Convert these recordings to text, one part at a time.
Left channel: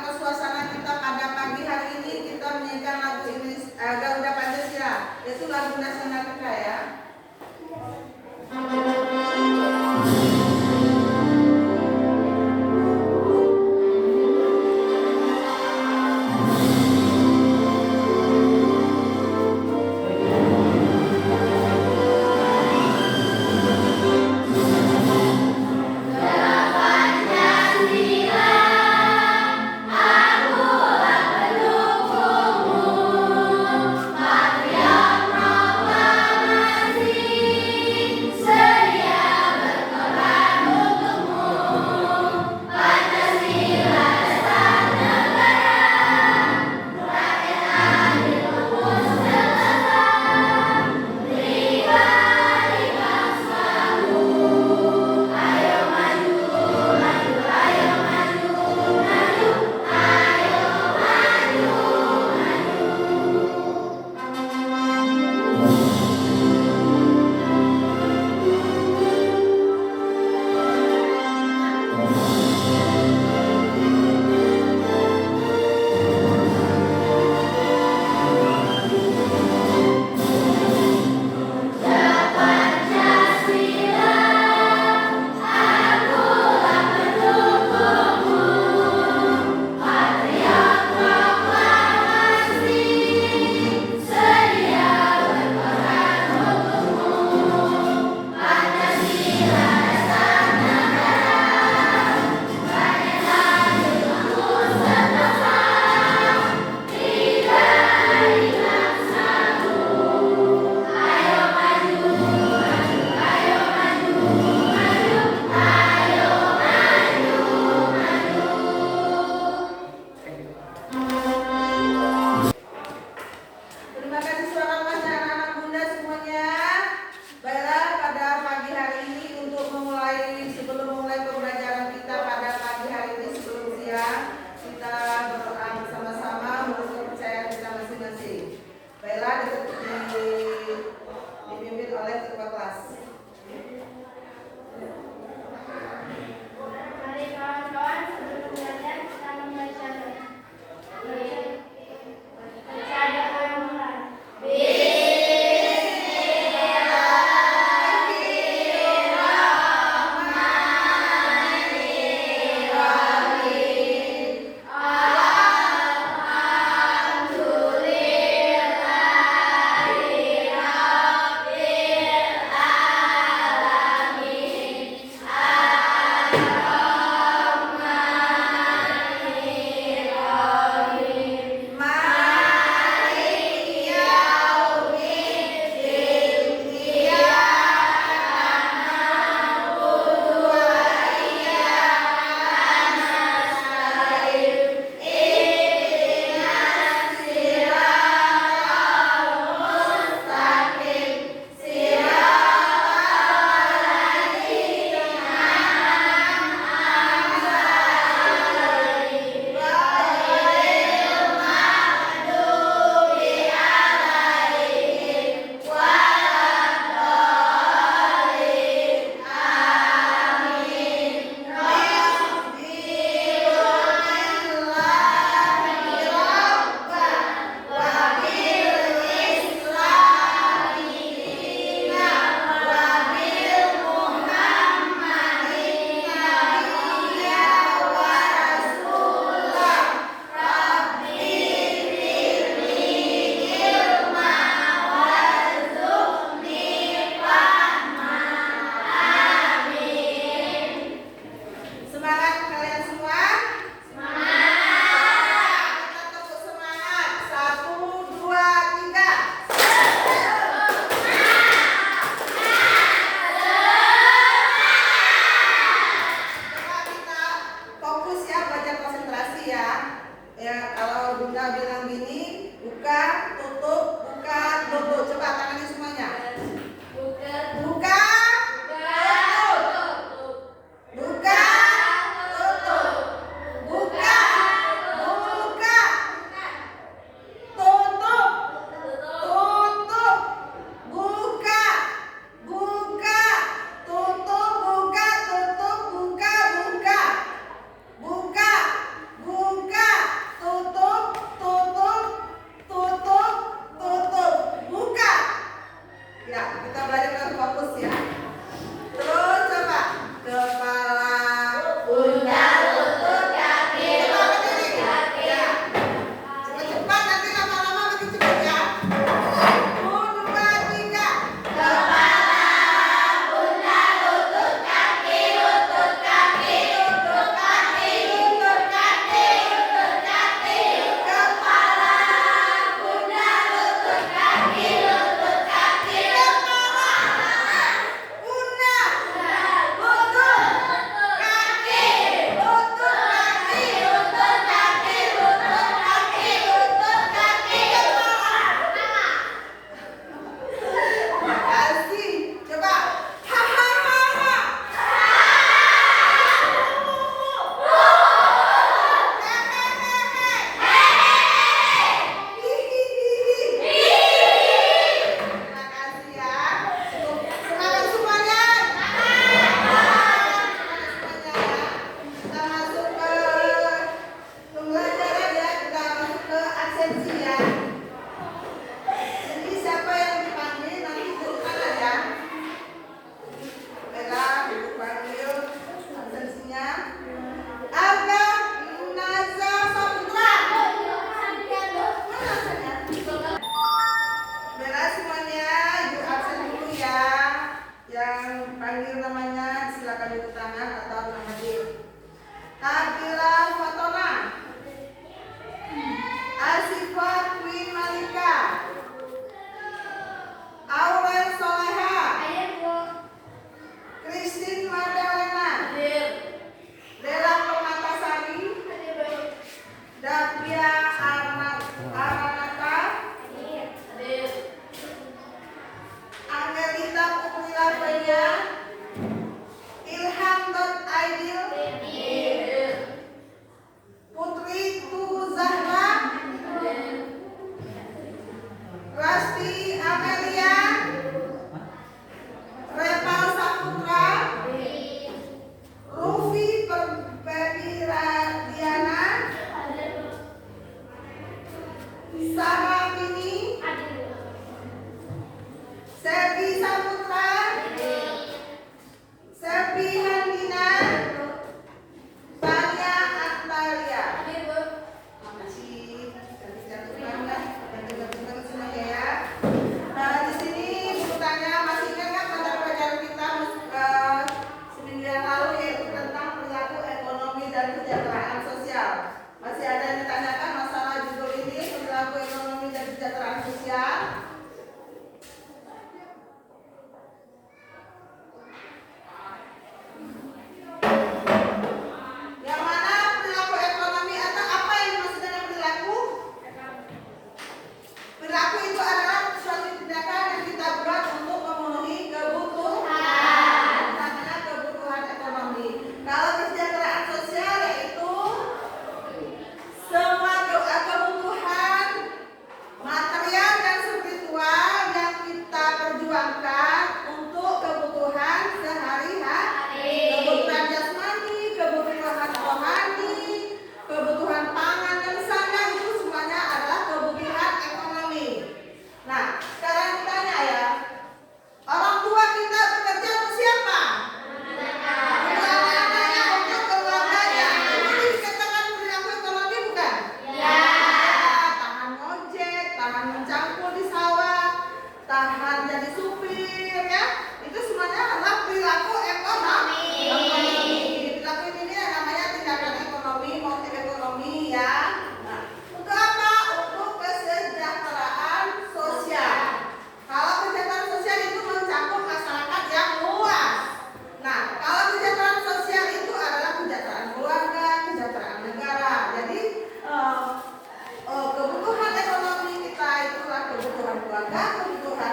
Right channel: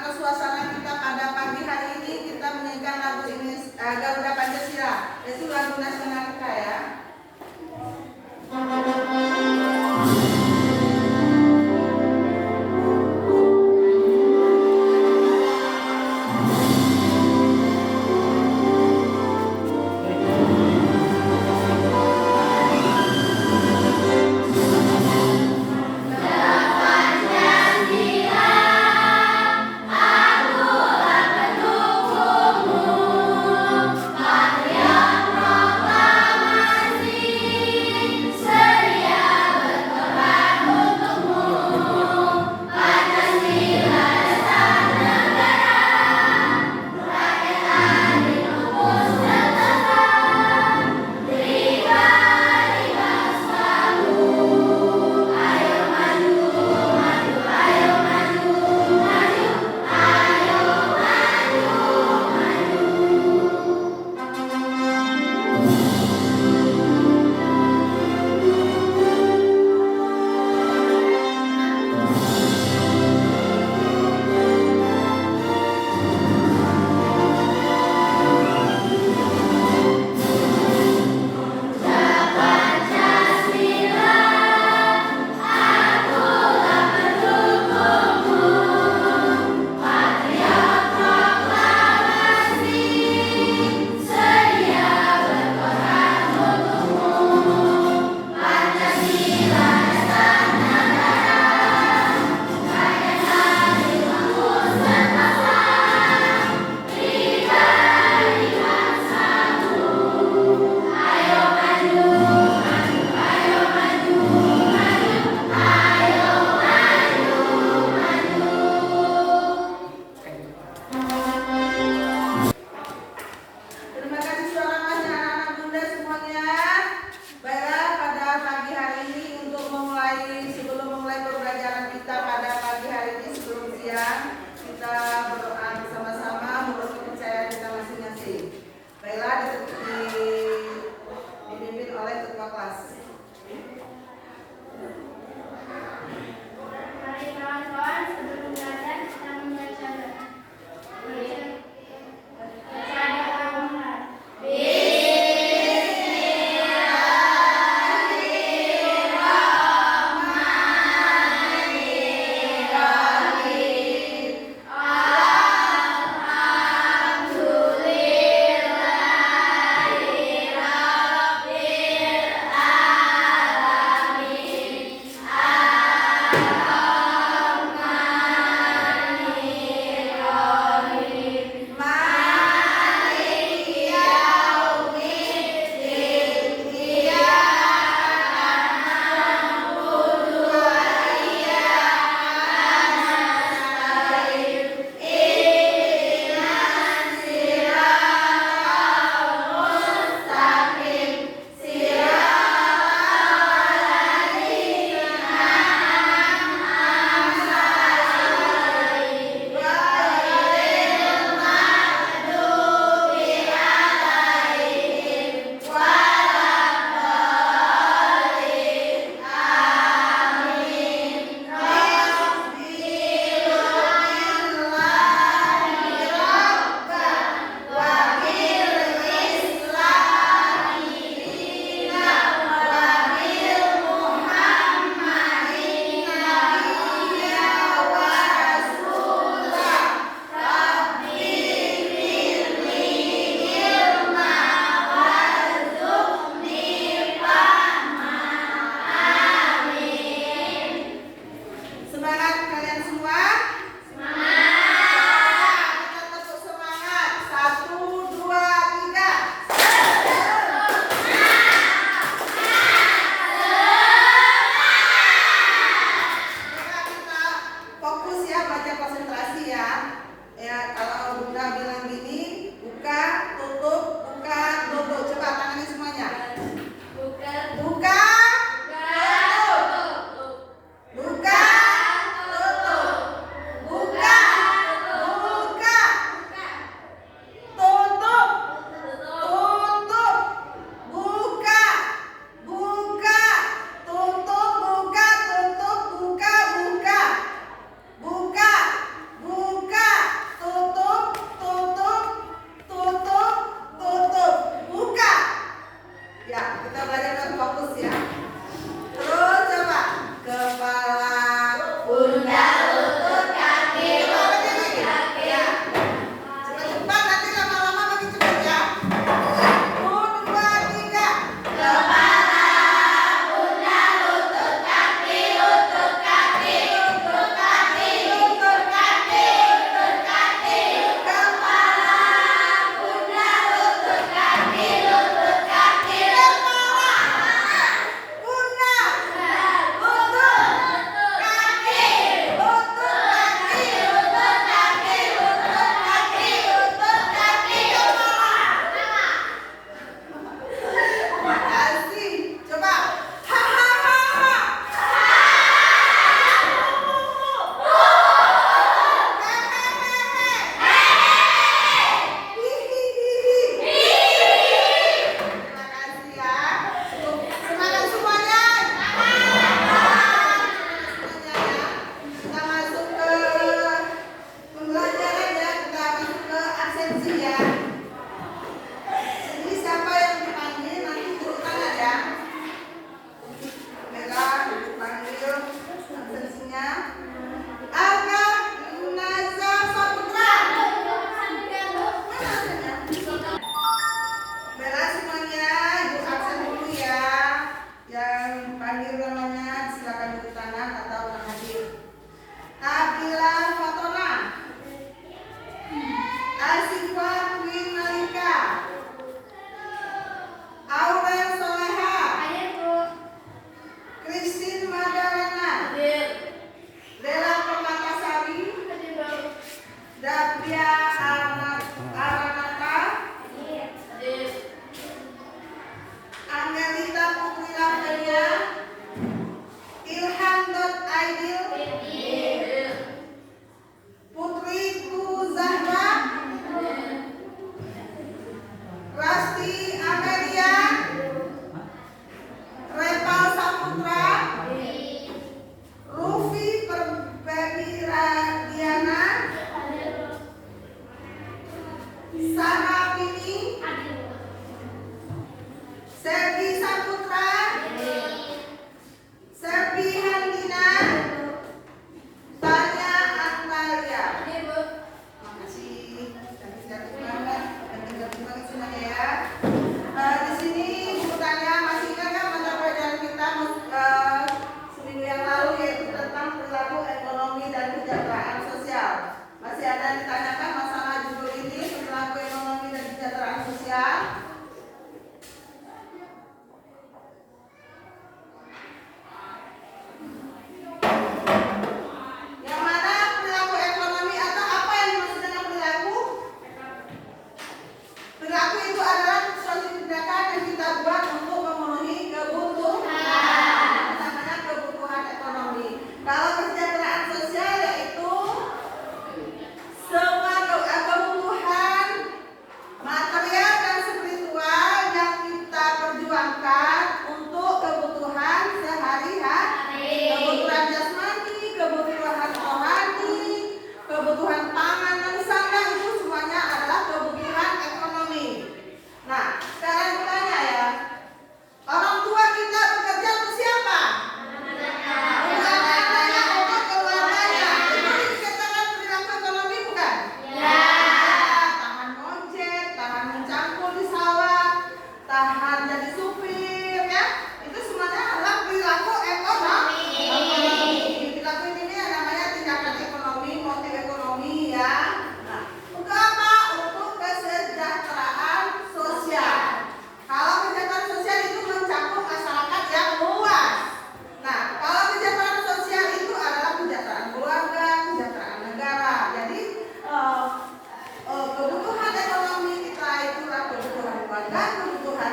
atau suasana kita pada pagi hari ini kita menyanyikan lagu Garuda Pancasila, yaitu lagu nasional kita ya. Maria Rohama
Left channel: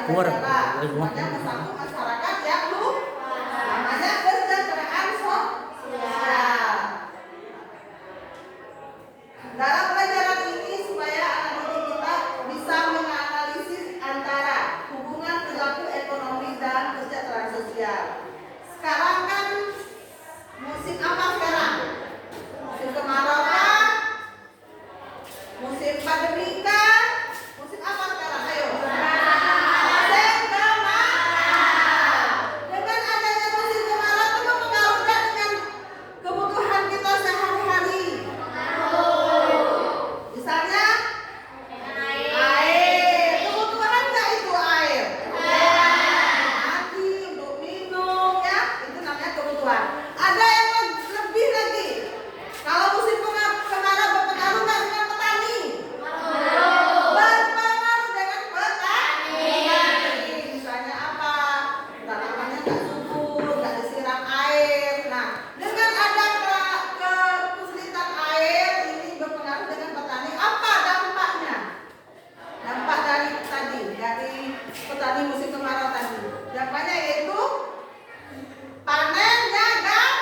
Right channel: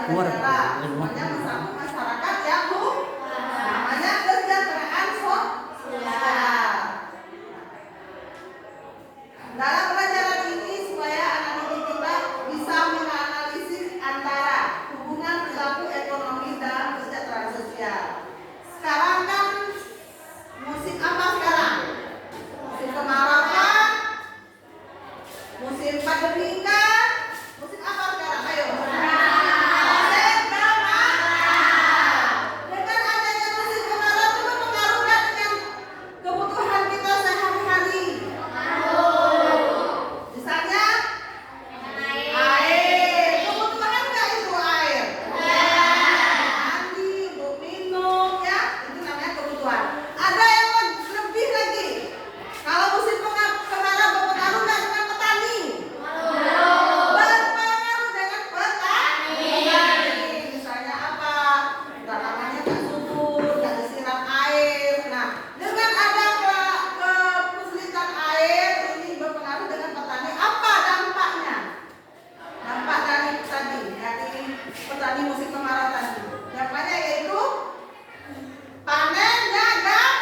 negara. Semuanya satu masyarakat yang namanya kesejahteraan sosial. Dalam pelajaran ini supaya anak didik kita bisa menganalisis antara hubungan perilaku ekonomi dan kesejahteraan sosial. Sekarang kan musim apa sekarang? Musim kemarau kan? Musim pandemi kan? Musim apa sekarang? Ayo. Musim kemarau. Dengan adanya musim kemarau itu mempengaruhi dengan kebutuhan kita sehari-hari. Misalnya air. Kebutuhan nggak itu air? Mandi, untuk minum ya. Itu namanya kebutuhan. Ada yang lebih lagi. Kalau musim kemarau berpengaruh nggak dengan petani? Berpengaruh dengan petani. Misalnya apa? Tanamannya nggak subur, nggak disiram air. Nah, dengan ada kesulitan air ini berpengaruh dengan petani. Apa dampaknya? Dampak dari petani musim kemarau tadi. Dampaknya yaitu panennya gagal.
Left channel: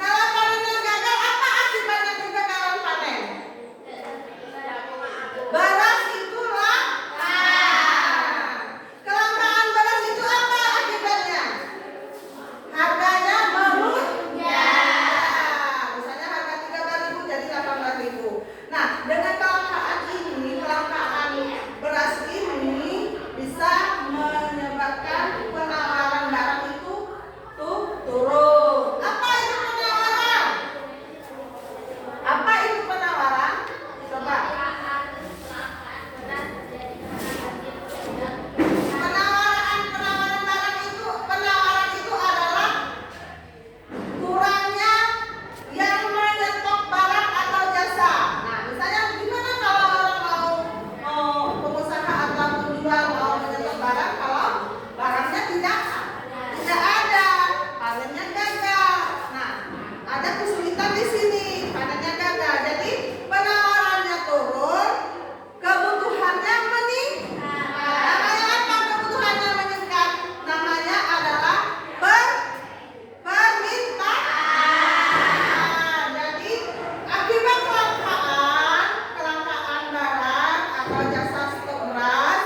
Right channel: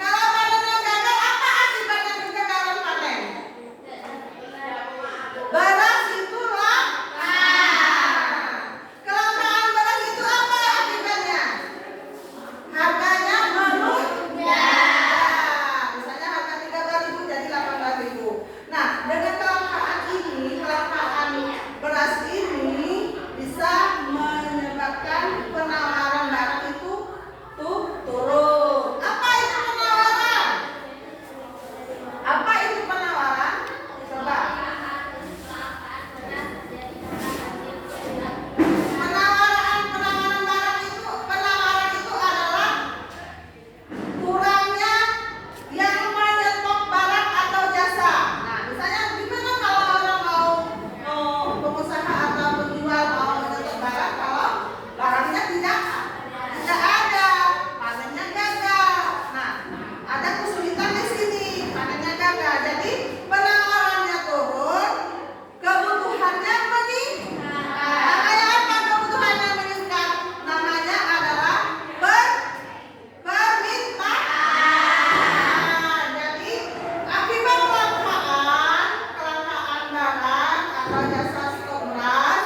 Kalau panennya gagal, apa akibatnya kegagalan panen? Beras itu langka. Kelangkaan beras itu apa akibatnya? Harganya melonjak. Misalnya harga 13.000 jadi 18.000. Nah, dengan kelangkaan beras ini bisa menyebabkan penawaran barang itu turun. Apa itu penawaran? Apa itu penawaran? Coba. Penawaran itu adalah kurangnya yang menyetok barang atau jasa. Nah, misalnya gimana kalau orang mau pengusaha atau penjual mau menyetok barang kalau barangnya tidak ada, panennya gagal. Nah, ada kesulitan di sini, panennya gagal. Jadi penawarannya turun, kebutuhannya meningkat. Namanya apa kebutuhannya meningkat? Namanya adalah permintaan. Jadi akibat kelangkaan barang atau jasa stok beras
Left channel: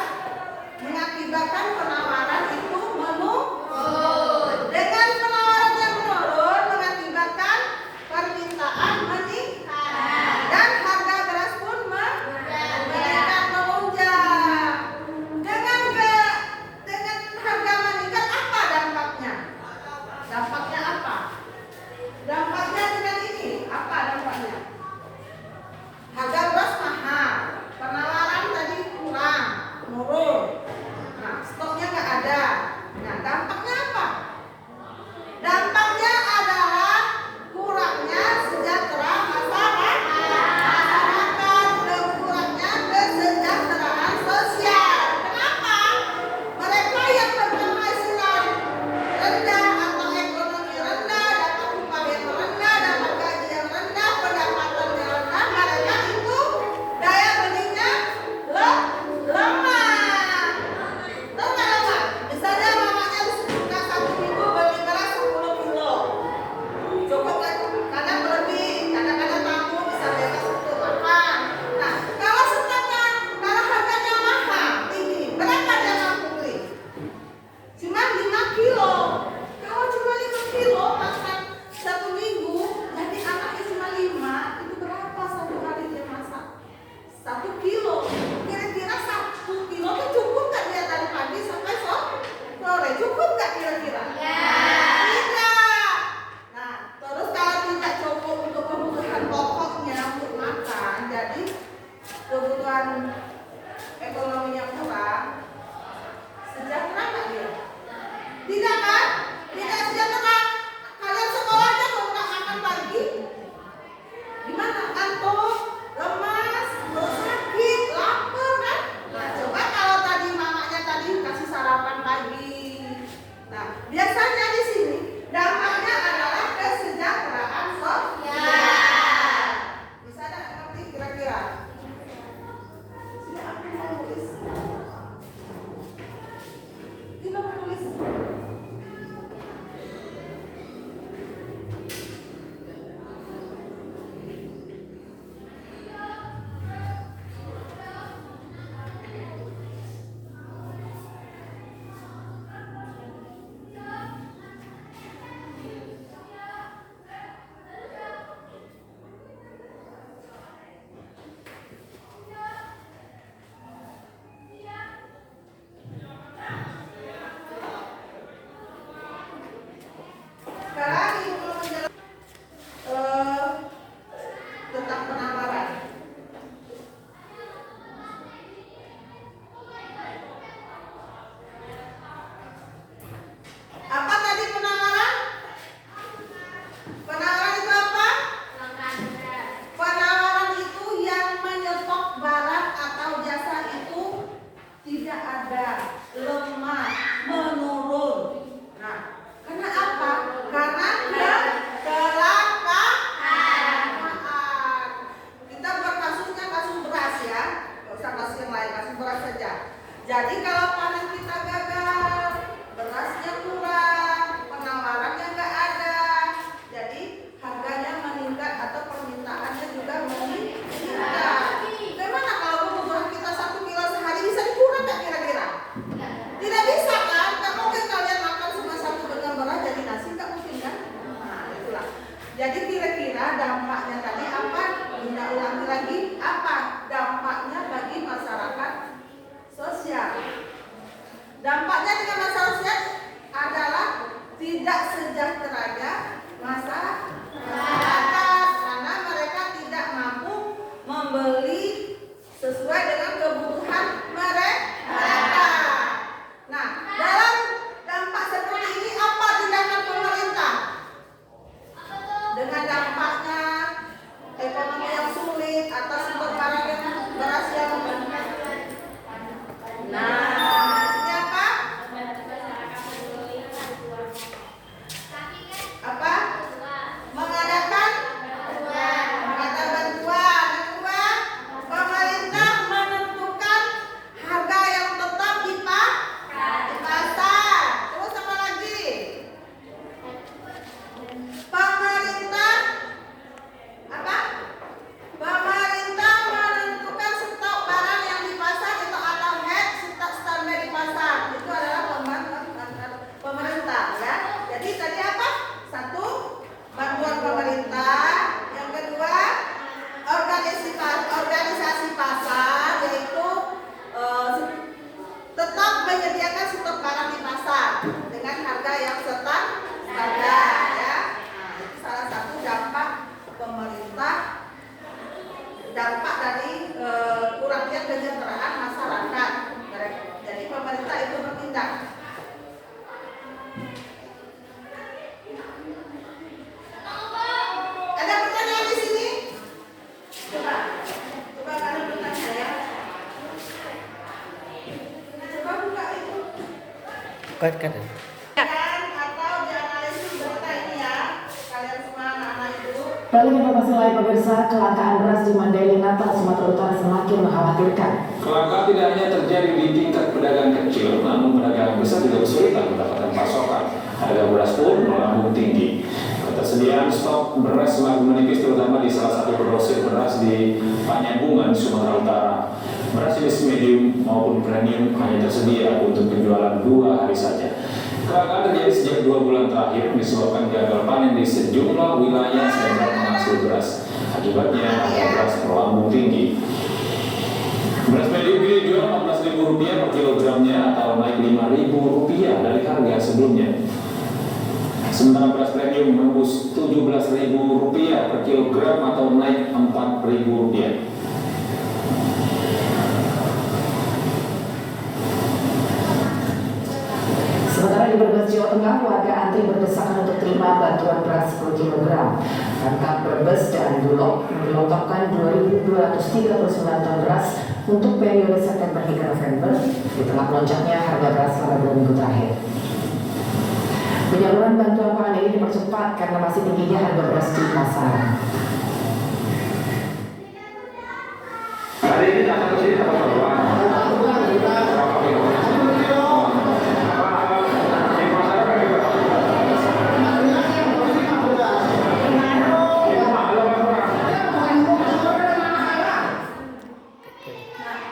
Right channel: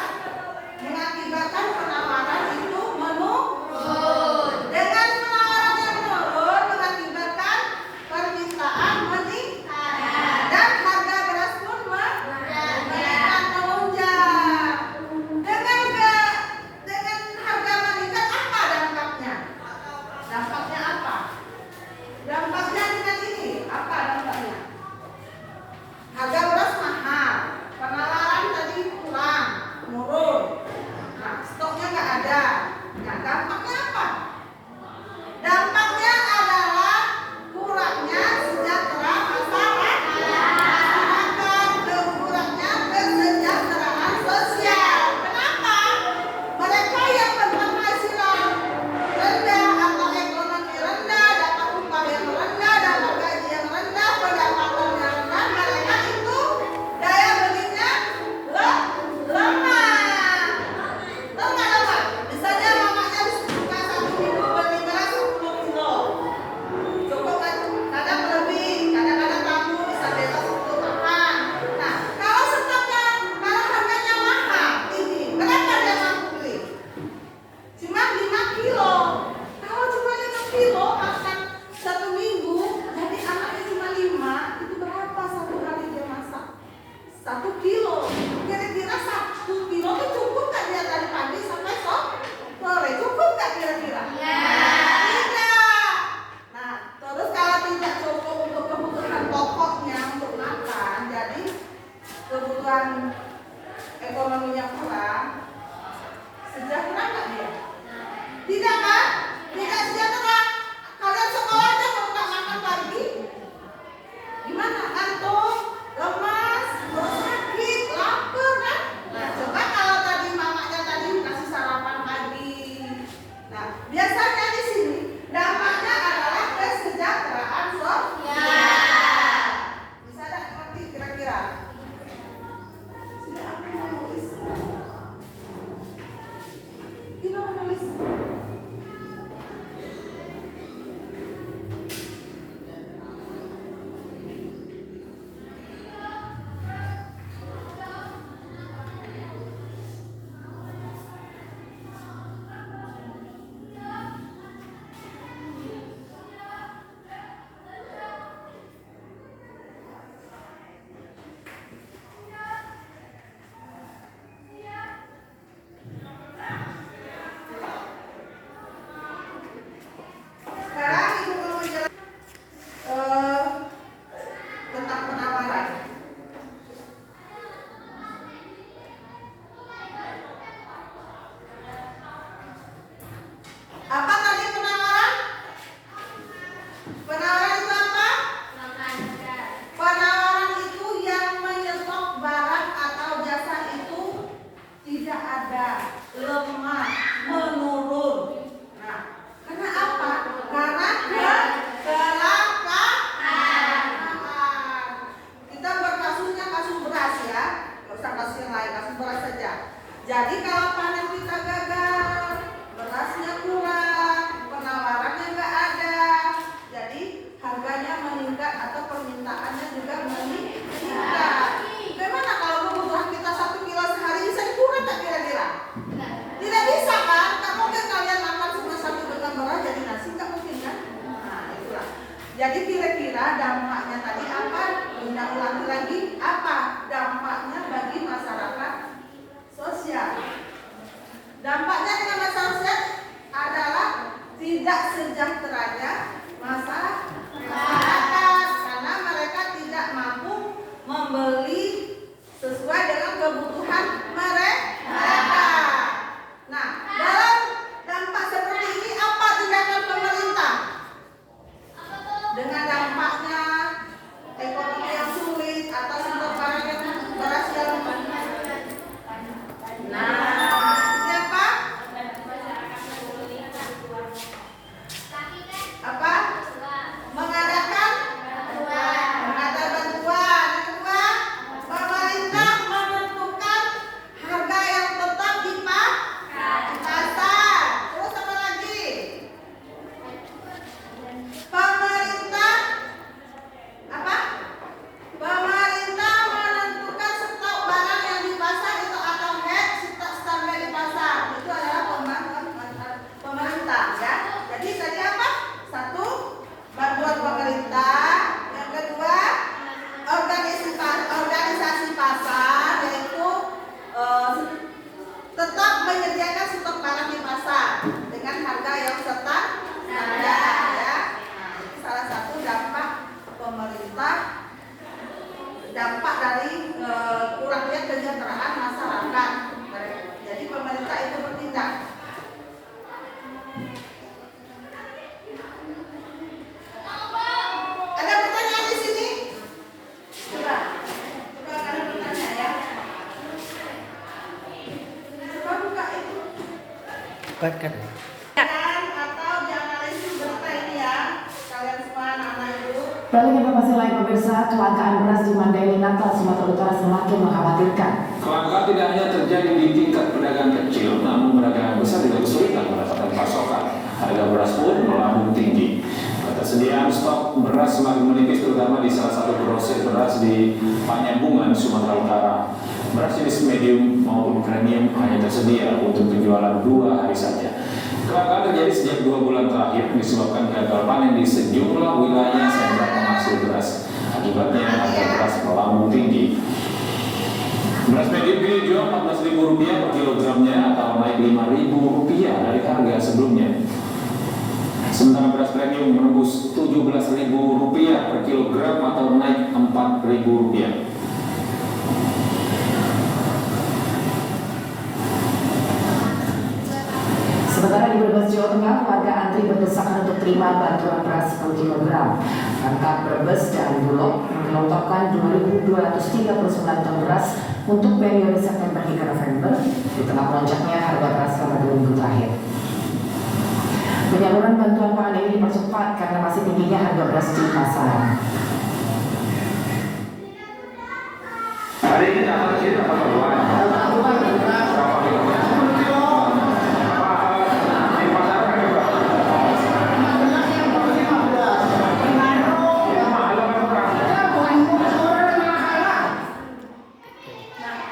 mengakibatkan penawaran itu menurun. Dengan penawaran yang menurun mengakibatkan permintaan meningkat dan harga beras pun meningkat melonjak. Dengan harga meningkat apa dampaknya? Dampaknya apa? Dampaknya dengan ini apa dampaknya? Harga beras mahal, penawaran tadi kurang, menurun. Nah, stoknya nggak ada. Nah, dampaknya apa? Dampaknya adalah kurangnya sejahtera masyarakat, kurangnya kesejahteraan sosial. Kenapa? Mereka yang berpenghasilan rendah atau ekonomi rendah, dapat upah yang rendah, dapat gaji yang rendah, pendapatannya rendah, mereka itu daya belinya lemah. Tahu nggak lemah? Misalnya mamanya buka 1 minggu beli beras 10 kilo. Cukup kan? Kadang berlebih, kadang-kadang tamu bisa bebas untuk makan. Nah, kalau harganya mahal, tinggi, berapa dia mampu beli? Cuma 5 kilo. Kalau cuma 5 kilo makan 1 minggu, jadi anaknya cuma 5, itu berapa satu hari dia masak? 1 kilo. Kira-kira 1 kilo itu cukup nggak dia dari pagi sampai sore? Cukup nggak kira-kira? Tidak. Nah, terus kalau tidak cukup untuk kebutuhan pokoknya untuk makan, jadi kebutuhan ekonominya kurang, sejahtera nggak dia? Tidak kan? Tidak sejahtera. Kalian sekolah aja kalau nggak makan pagi, gimana? Ngantuk, lemas, sakit, lapar kan? Nah, coba kalau tadi mamanya tadi kasih sarapan pagi. Nah, biasanya di sini dampaknya adalah kesejahteraan sosial. Bisa nggak ngerti kira-kira? Sudah aku nulis. tentang penawaran. Apa tadi penawaran? Penawaran itu apa? Penawaran itu yang menyetop barang atau jasa itu tidak ada, lemah, menurun. Nah, karena apa? Karena kecelakaan. Kita buat kasusnya kasus beras ya, nggak usah kasus yang lain, kasus beras saja. Jadi kalau panen kita gagal, berasnya kurang, penawarannya nggak ada, jadi harganya meningkat atau permintaannya juga meningkat. Bagaimana kalau kebutuhan kita 1 kilo sehari bisa kurang nggak kira-kira? Tidak bisa kan? Nggak mungkin kalian makan cuma 1 dengan beras jadi nasi, nggak mungkin kan? Nah itulah. Jadi kira-kira dampaknya tadi apa? Bunda ulangi lagi, apa dampaknya bagi masyarakat sosial? Dampaknya dengan masyarakat sosial adalah tidak sejahteranya masyarakat karena mereka tidak mampu membeli sesuai dengan kebutuhan mereka. Nah, dalam dampak seperti ini apa tindakan pemerintah? Dengan dampaknya ekonomi yang sulit atau stok barang yang beras yang ini apa? Apa? Mengadakan bantuan. Kedua, pemerintah menentukan harga yang tetap di pasar. Terus apa lagi? Pemerintah apa? Pemerintah menentukan stok barang yang di pasar itu atau stok standar di pasar. Itu adalah pemerintah ya. Jadi tadi apa? 1, bantuan pemerintah. Yang kedua, organisasi pasar, yaitu tetap menyediakan stok barang di pasar dengan harga yang standar ya. Nah, itu salah satu dampak pemerintah, dampak dari kurangnya kesejahteraan masyarakat. Jadi pemerintah itu bertindak. Ada pertanyaan di sini? Coba ada pertanyaan ya. Coba buka itu. Cut. Atau dianalisis berita ini ya, kalian semua anak-anak ibu. Beralih informasi lain pemirsa, kelangkaan beras di Mandailing, Natal, Sumatera Utara semakin mengkhawatirkan. Kelangkaan tidak hanya terjadi di tingkat pedagang kecil, namun pedagang besar juga kesulitan mendapatkan pasokan. Harga beras pun melambung tinggi. Ketersediaan stok beras semakin menipis, terutama di salah satu grosir beras di Panyambungan, Sumatera Utara. Beras jenis medium maupun premium hanya tersedia untuk penjualan 2 hari saja. Kelangkaan terjadi sejak 2 bulan terakhir disebabkan gagal panen di sejumlah wilayah sentra penghasil beras. Akibatnya harga beras melambung tinggi. Beras medium ini dijual Rp14.000 per kilogramnya atau naik Rp5.000 dari harga sebelumnya. Sementara beras premium menembus Rp17.000 per kilogram atau naik Rp4.000. Sementara di Brebes, Jawa Tengah, warga antri berdesakan untuk terima bantuan beras per kilogram. Pemkab Brebes dan Bulog mengelontorkan 2.239 ton beras untuk periode September hingga November di tengah melonjaknya harga beras selama 2 minggu terakhir. Penyaluran bantuan pangan ini dipercepat karena masih tingginya harga beras di pasar. Hari ini datang ke sini dapat bantuan.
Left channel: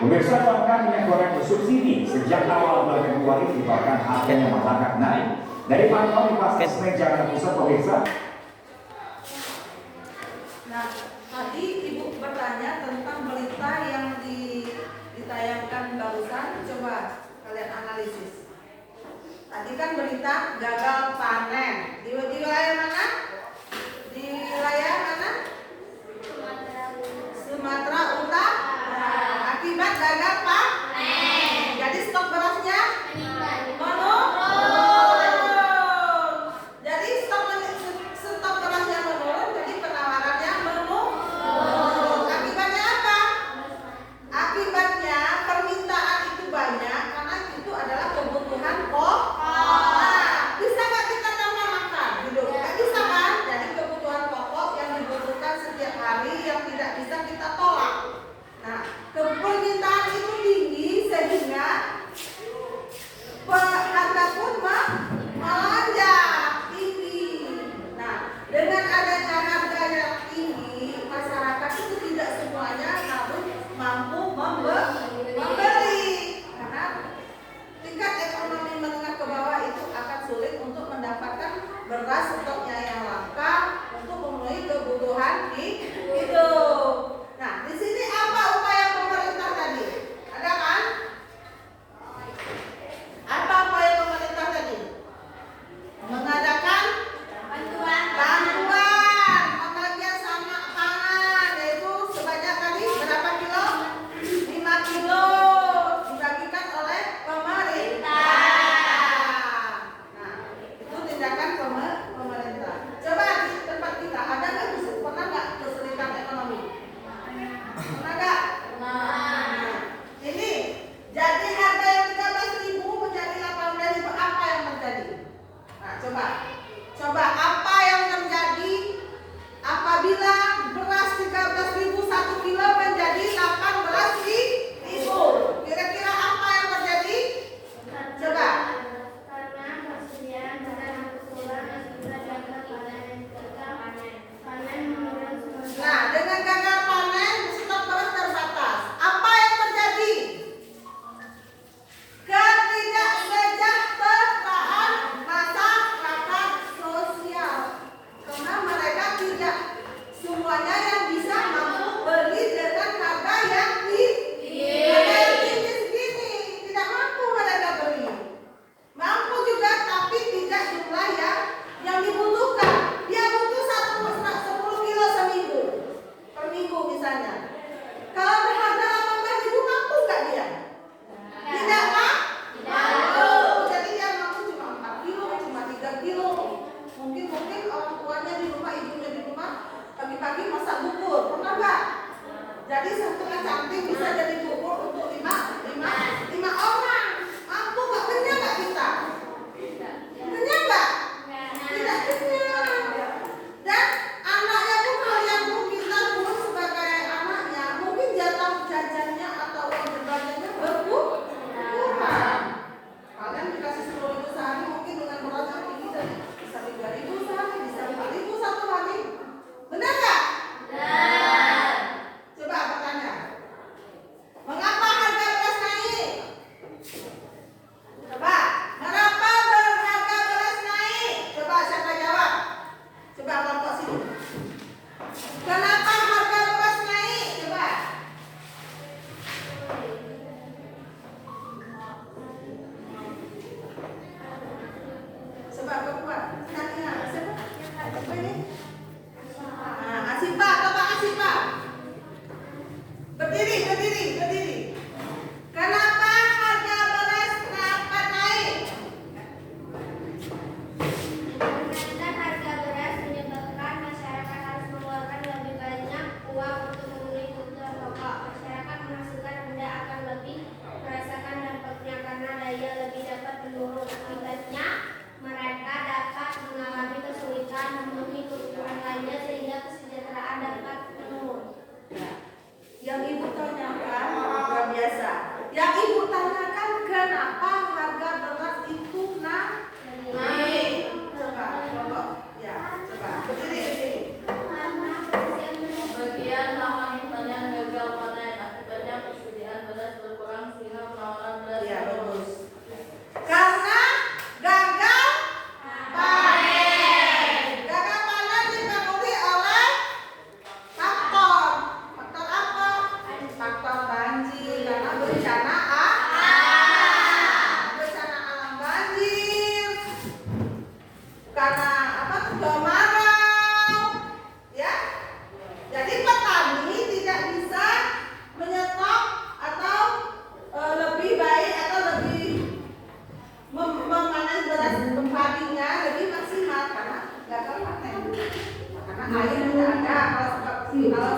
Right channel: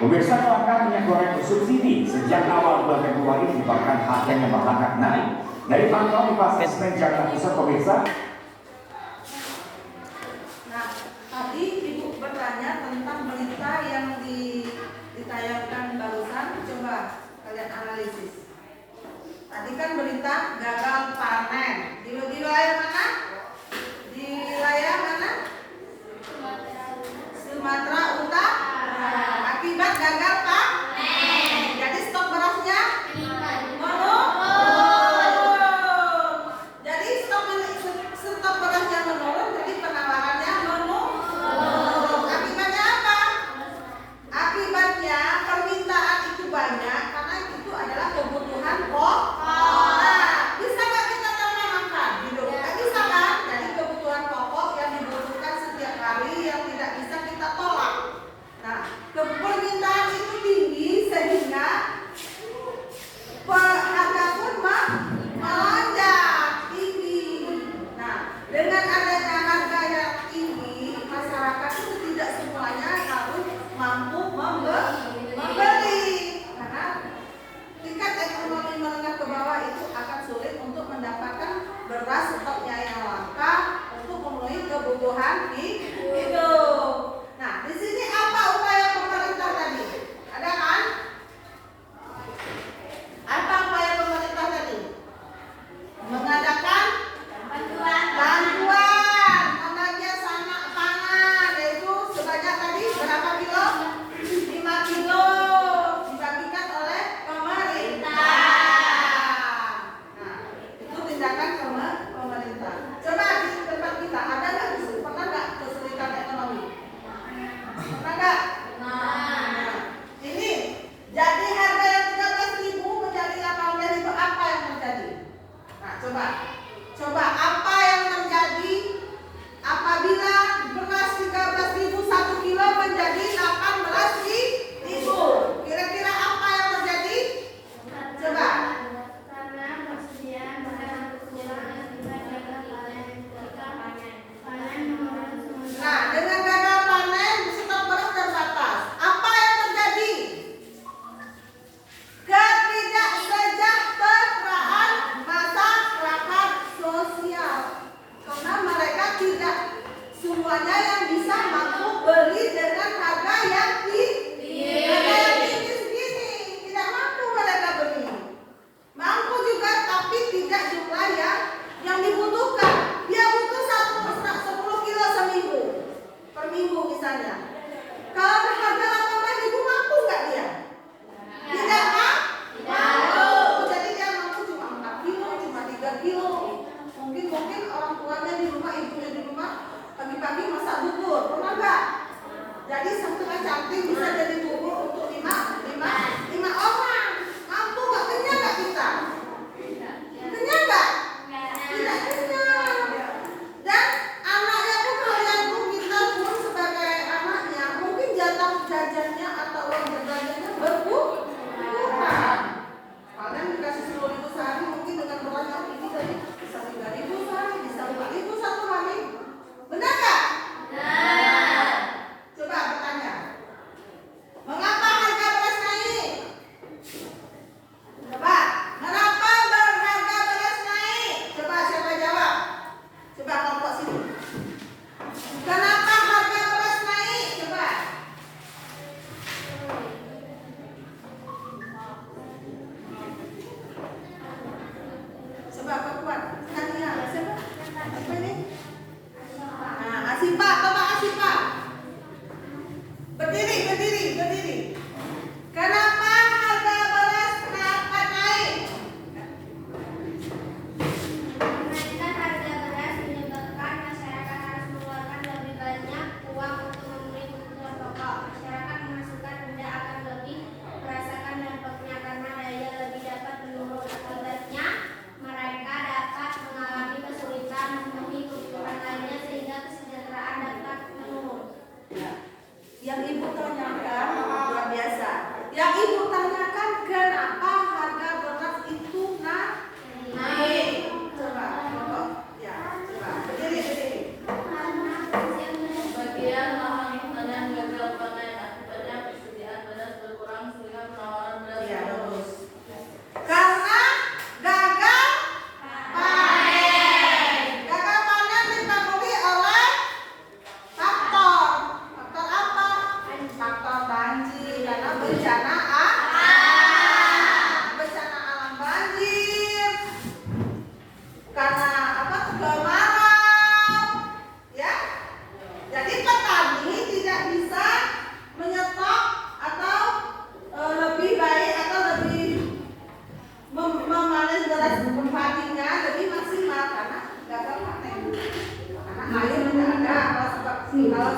Pemirsa, kelangkaan minyak goreng bersubsidi sejak awal bulan Februari menyebabkan harganya melangkah naik. Dari pantauan di Pasar Senen Jakarta Pusat, pemirsa. Nah, tadi Ibu bertanya tentang berita yang ditayangkan barusan. Coba kalian analisis. Tadi kan berita gagal panen. Di wilayah mana? Di wilayah mana? Akibat gagal panen. Jadi stok berasnya menurun. Jadi stok berasnya menurun, jadi penawarannya menurun. Akibatnya apa? Akibatnya permintaan itu banyak karena itu adalah kebutuhan pokok. Nah, bisa nggak kita tambah makan hidup? Nggak bisa kan? Jadi kebutuhan pokok yang dibutuhkan setiap hari yang tidak bisa kita tolak. Nah, permintaan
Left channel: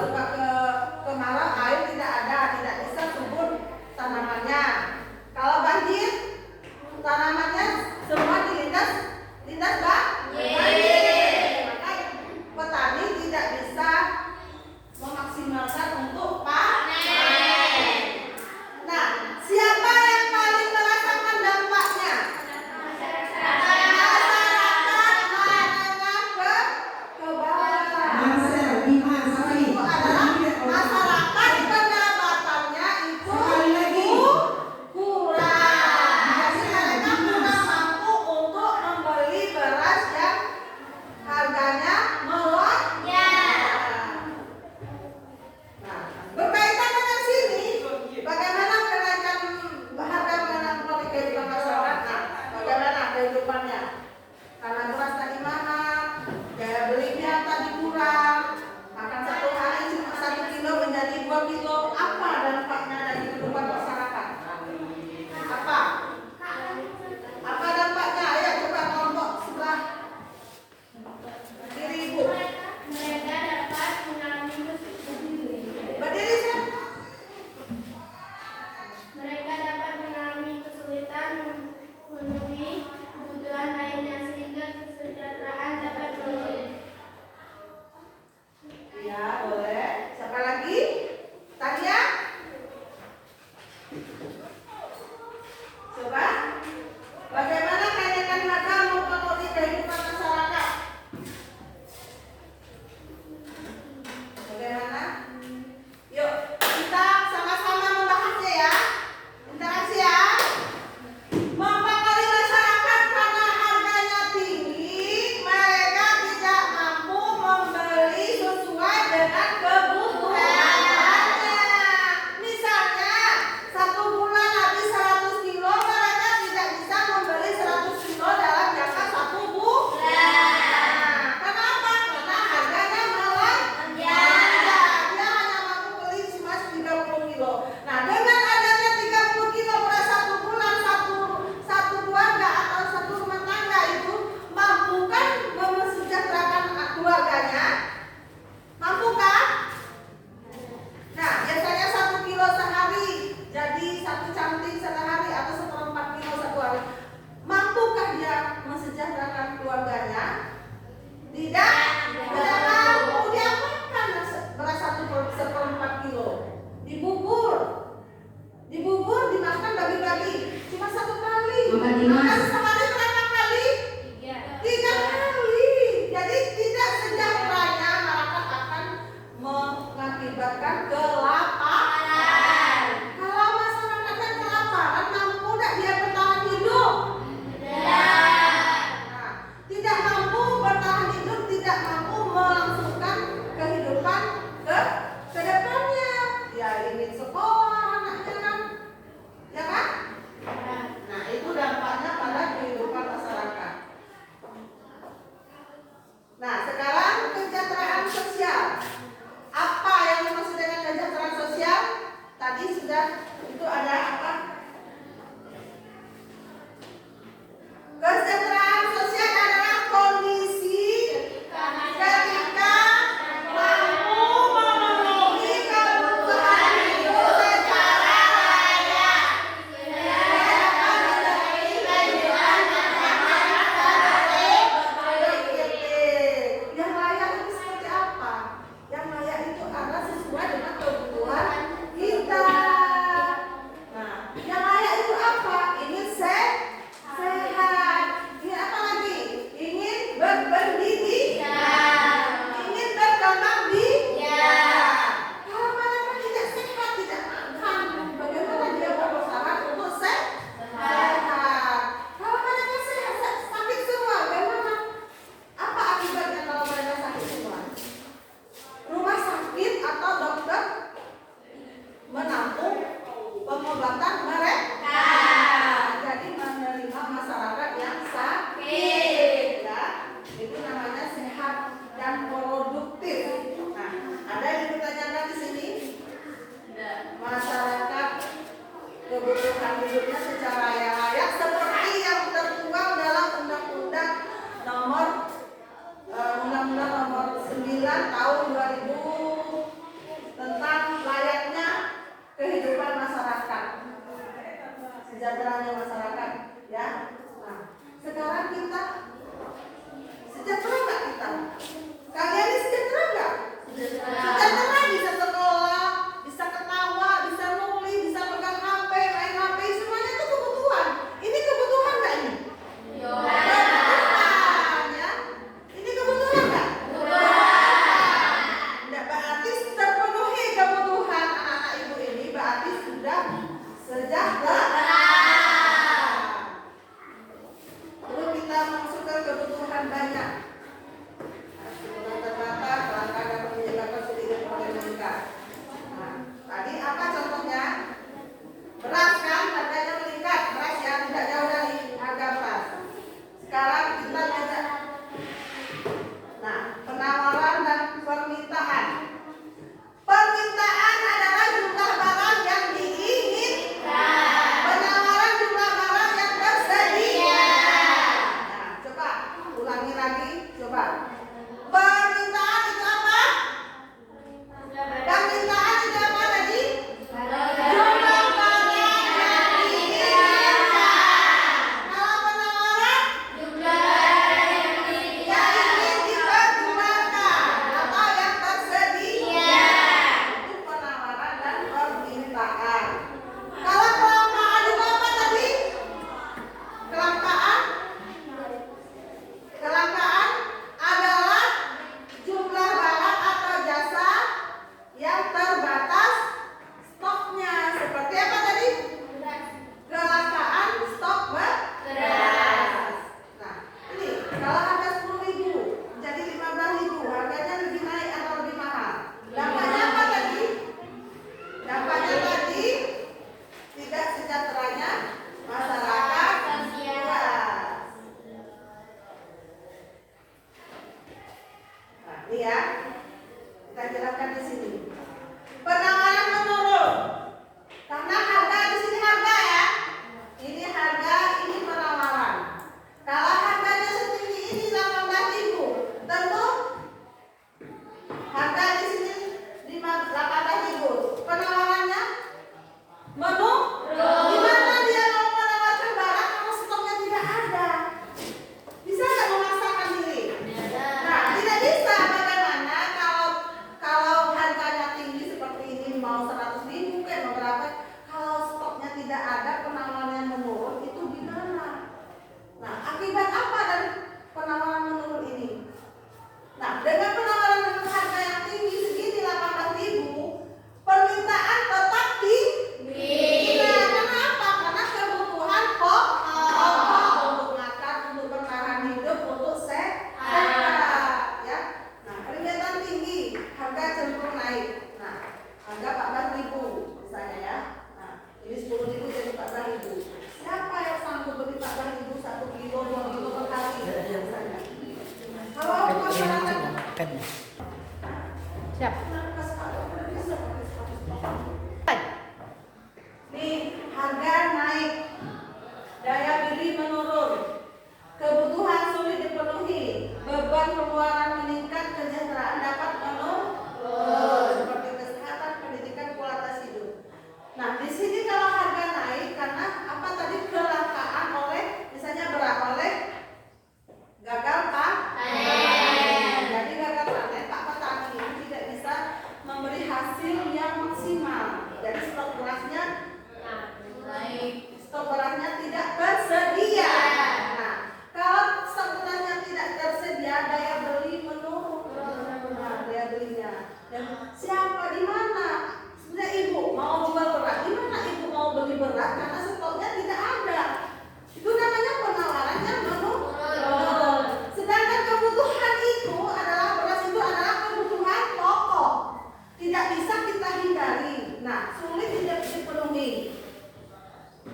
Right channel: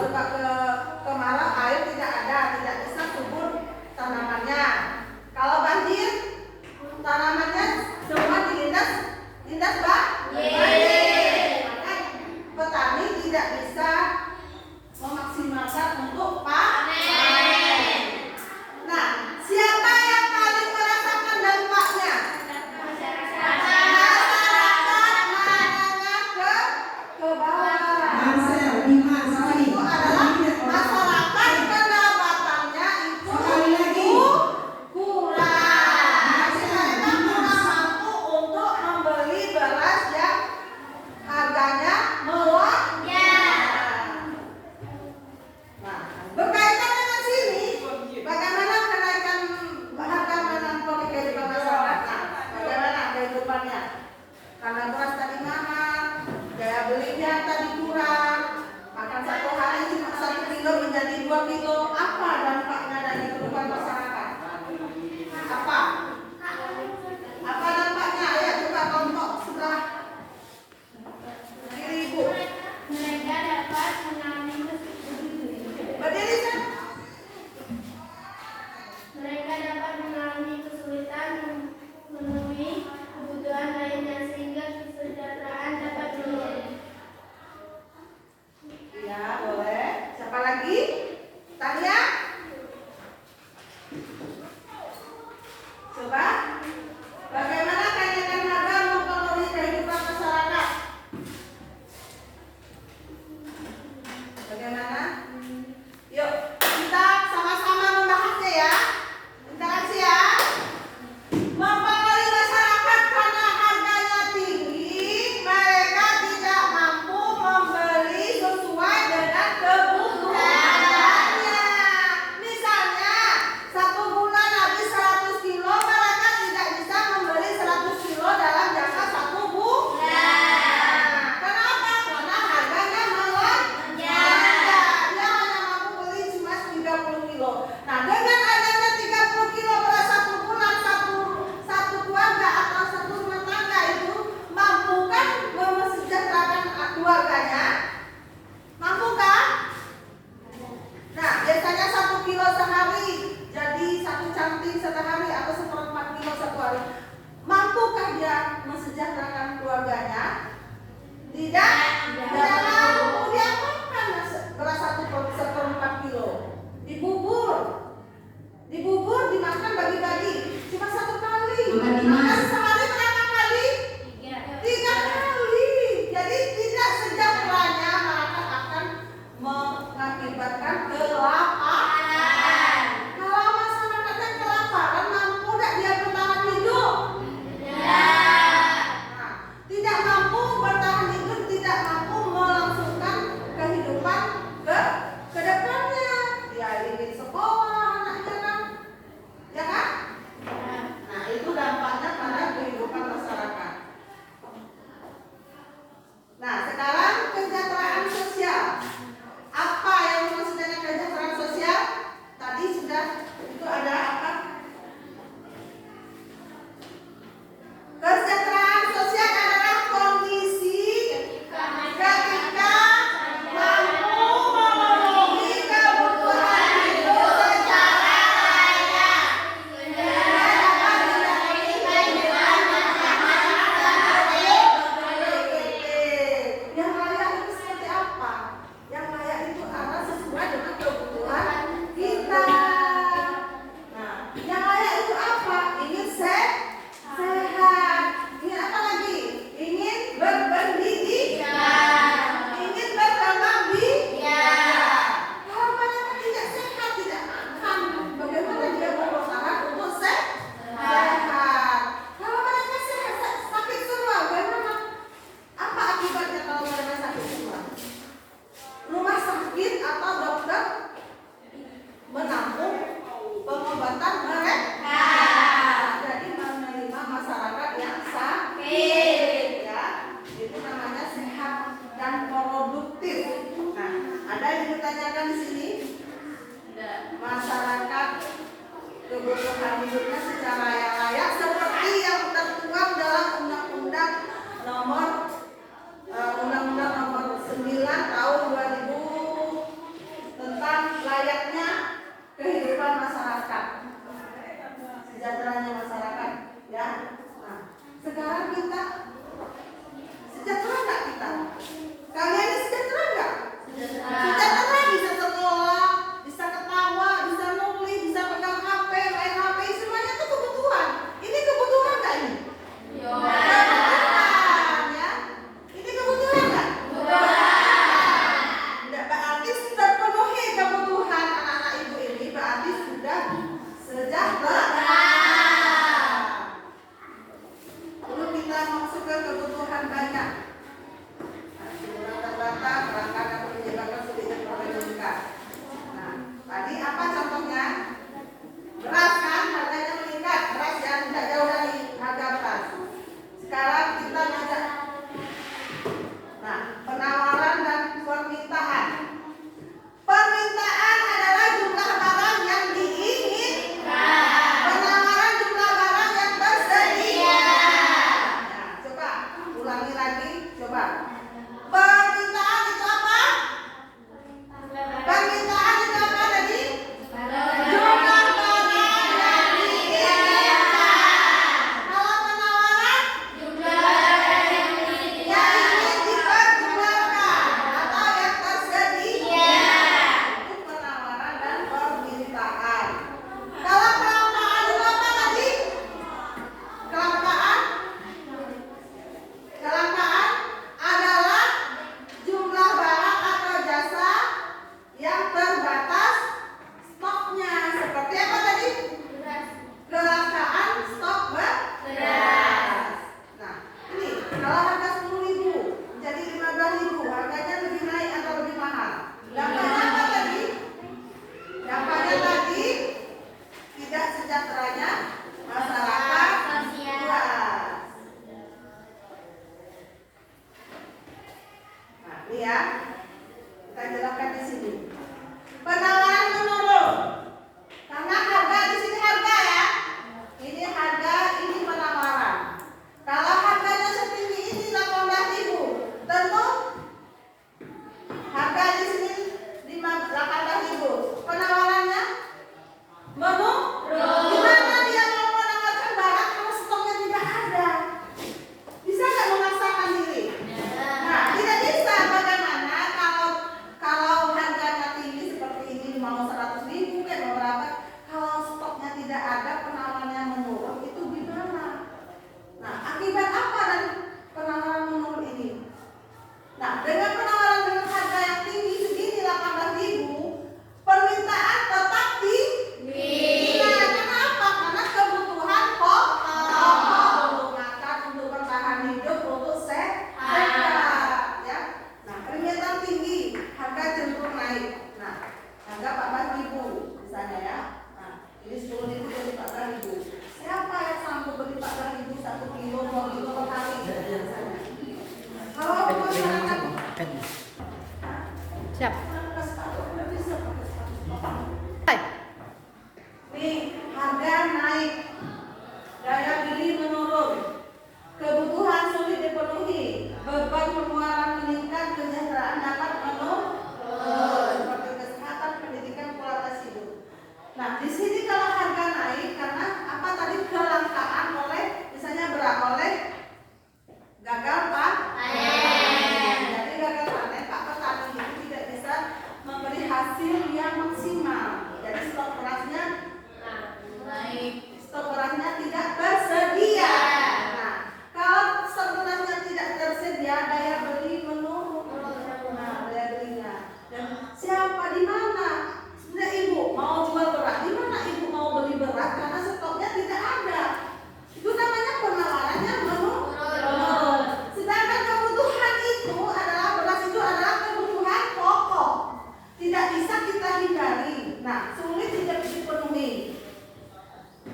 suka ke kemarau, air tidak ada, tidak bisa subur tanamannya. Kalau banjir, tanamannya semua dilindas banjir. Petani tidak bisa memaksimalkan untuk panen. Nah, siapa yang paling merasakan dampaknya? Masyarakat menengah ke bawah. Itu adalah masyarakat pendapatannya itu kurang. Jadi mereka kurang mampu untuk membeli beras yang harganya melonjak. Nah, berkaitan dengan sini, bagaimana kenaikan harga menangkap kehidupan masyarakat? Bagaimana kehidupannya? Karena beras tadi mahal, daya belinya tadi kurang, makan satu hari cuma 1 kilo menjadi 2 kilo. Apa dampaknya dari kehidupan masyarakat? Apa dampaknya? Ya coba kelompok sebelah kiri ibu. Mereka dapat mengalami Berdiri sana. mereka dapat mengalami kesulitan memenuhi kebutuhan lainnya sehingga kesejahteraan dapat menurun. Ya, boleh. Siapa lagi? Tania? Coba. Bagaimana kenaikan harga mempengaruhi kehidupan masyarakat? Bagaimana? Yuk, kita sama-sama membahasnya ya. Interaksi ya. Mempengaruhi masyarakat karena harganya tinggi, mereka tidak mampu membeli sesuai dengan kebutuhannya. Misalnya, 1 bulan habis 100 kilo, mereka tidak bisa membeli 100 kilo dalam jangka 1 bulan. Kenapa? Karena harganya melonjak. Dia hanya mampu beli cuma 30 kilo. Nah, dengan adanya 30 kilo beras 1 bulan, satu keluarga atau satu rumah tangga itu mampukah mesejahterakan keluarganya? Mampukah? Nah, biasanya 1 kilo sehari, jadi 1 canting sehari atau 1/4 kilo satu hari. Mampukah dia mesejahterakan keluarganya? Tidak mampu. Dia makan beras 1/4 kilo. Dibubur, dimakan bagi-bagi. Cuma 1 kali. Makan sehari berapa kali? 3 kali. Jadi tidak sejahteranya masyarakat akan mengakibatkan kelaparan. Kalau masyarakatnya kelaparan, mampu tidak dia bertahan hidup? Nah, tidak mampu bertahan hidup, tidak mampu melangsungkan kehidupan ke depannya. Dia ingin sekolah anaknya kan? Ya kan? Nah, itu dampaknya pada kehidupan masyarakat. Nah, sekarang kesejahteraan sosial. Apa yang dimaksud dengan kesejahteraan sosial? Tadi sudah itu ada apa? Kesejahteraan sosial adalah kondisi ketika mampu memenuhi kebutuhan hidup secara layak. Yang layak itu seperti apa? Yang layak itu adalah sesuai dengan kebutuhan kita. Nah, yang layak itu apa? Ingin sehat. Ingin apa lagi? Ingin berpendidikan. Ingin berkembang biak. Kalau mereka tidak sehat, tidak makan, bagaimana dia berusaha untuk sehat? Kalau mereka sehat, sakit semua, bagaimana? Apa akibatnya kalau mereka sakit semua? Rumah sakit atau dokter menampung pengobatan mereka. Jadi menerima masyarakat yang sakit, ya. Itu namanya sehat dan produktif. Nah, ada yang ditanyakan di sini? Masyarakat kebutuhan hidupnya secara layak seperti yang tertuang dalam Undang-Undang Nomor 9 Tahun 2000 sejahteranya masyarakat, ya. Nah, sekarang kita sejahtera nggak kita? Kalian ini sejahtera nggak? Sejahtera, bisa sekolah, bisa ketawa, bisa nulis, bisa pegang HP, main HP, semuanya itu kebutuhan. Ini kebutuhan nggak ini? Kebutuhan, ya. Ini kebutuhan nggak? Nggak berarti terpenuhi kebutuhan anak-anak ibu ini, berarti sudah sejahtera. Lalu kita masuk ke kebutuhan banyak. Nah, terbatas, kelangkaan dan menyebabkan sulit diperoleh meningkat. Nah, tadi apa contohnya? Beras kan, harganya meningkat. Beras yang tidak jauh dari harga beras. Sekarang kita belajar. Nah, penawaran dan permintaan. Permintaan adalah jumlah barang yang diinginkan. Penawaran jumlah barang yang tersedia. Nah, coba ulangi lagi, coba. Permintaan itu apa? Permintaan itu apa tadi? Jumlah barang yang diinginkan. Kalau penawaran yang ingin diperjualkan atau yang tersedia. Itu penawaran dan permintaan. Kalau kelangkaan itu apa tadi? Kelangkaan adalah jumlah barang atau jasa yang terbatas stoknya. Seperti apa tadi? Kelangkaan stok beras. Nah, ini kalau harga 10.000 jadi 15.000, harganya lebih naik atau lebih mahal? Dampaknya apa tadi? Dampaknya tadi tidak sejahteranya masyarakat luas. Nah, ini ya, kita jelaskan di sini. Penawaran menurun karena harga di sini harga ya. Ini harga, ini penawaran. Kalau harganya setinggi ini 18.000, tentu harga di sini 18.000. Penawarannya menurun. Gimana dia mau menawarkan barang kalau stoknya tidak ada? Bisa nggak memaksakan diri? Nah, tidak bisa. Bagaimana kalau harganya tinggi seperti ini mau 100.000 kan berapa? Kalau stoknya tidak ada, penawarannya menurun, itu gimana? Nah, akibat apa dari penawaran menurun ini? Nah, dengan penawaran dengan harga yang tinggi segini 18.000, permintaan tetap tinggi. Karena apa? Karena kebutuhan pokok untuk makan, untuk bertahan hidup, untuk sehat, ya. Nah, permintaan tinggi, harga cenderung naik. Nah, harga 14.000 misalnya ya. Nah, ini 10.000 jadi 14.000. Siapa yang sanggup beli 14.000 1 kilo, 2 kilo per hari? Misalnya. Kalau masyarakat Siap. nih, harga naik, daya beli menurun, kebutuhan sulit dipenuhi, beban pengeluaran meningkat, kesejahteraan dapat menurun, seperti kesehatan, pendidikan, kualitas hidup. Nah, di sini kalau harga naik karena apa tadi? Kelangkaan oleh, misalnya oleh gagal panen. Jadi gagal panen, Pak petani itu tidak bisa memberi hasil yang maksimal. Jadi stok berasnya tidak tersedia. Nah, kalau stok berasnya tidak tersedia, daya beli menurun. Nah, daya belinya. Dan siapa di mana? Sebenarnya ibu mau jual beras, di mana ibu mau beli beras karena stoknya tidak ada. Itu namanya penawarannya menurun. Sedangkan kebutuhan itu adalah beras itu adalah kebutuhan pokok. Tidak bisa kita hindari. Nah, sulit tidak dipenuhi.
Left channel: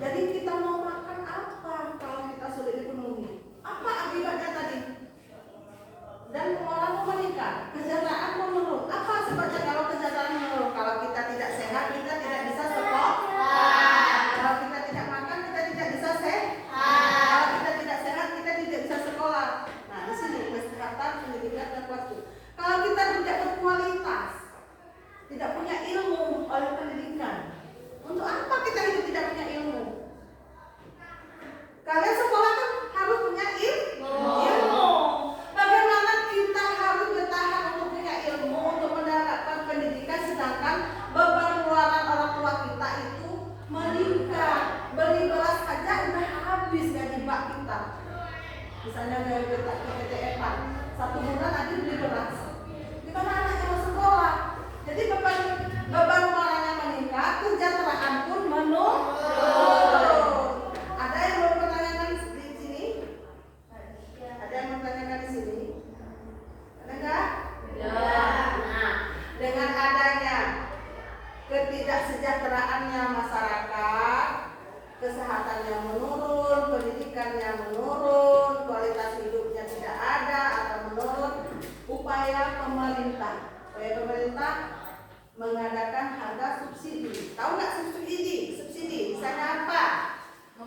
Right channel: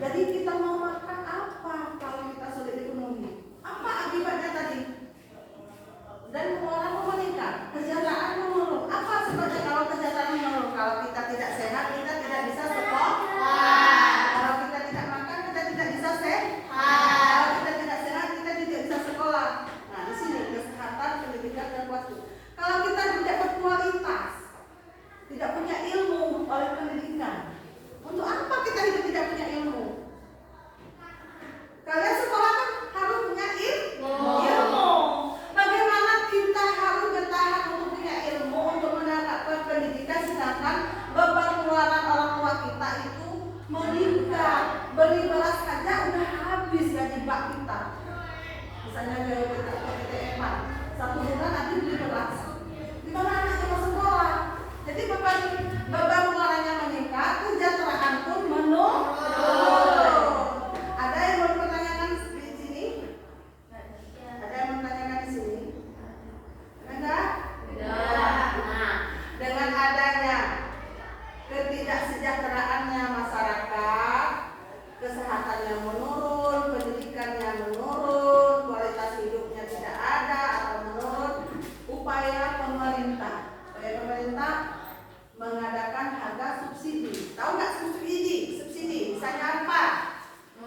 Jadi kita mau makan apa kalau kita sulit dipenuhi? Apa akibatnya tadi? Dan pengeluaran meningkat, kesejahteraan menurun. Apa sebabnya kalau kesejahteraan menurun? Kalau kita tidak sehat, kita tidak bisa sekolah. Kalau kita tidak makan, kita tidak bisa sehat. Kalau kita tidak sehat, kita tidak bisa sekolah. Nah, di sini kesehatan, pendidikan, dan waktu. Kalau kita tidak berkualitas, tidak punya ilmu oleh pendidikan, untuk apa kita hidup tidak punya ilmu? menjebak kita. Misalnya dari PTM 1 bulan nanti beli beras. Di mana anaknya mau sekolah? Jadi beban moralnya meningkat, kesejahteraan pun menurun. Ada yang mau pertanyakan di sini? Ada yang mau pertanyakan di sini? Ada enggak? Nah, dengan adanya ketidaksejahteraan masyarakat, kesehatannya menurun, pendidikannya menurun, kualitas hidupnya tidak ada atau menurun, upaya pemerintah mengadakan harga subsidi. Tahu nggak subsidi? Subsidi, misalnya apa?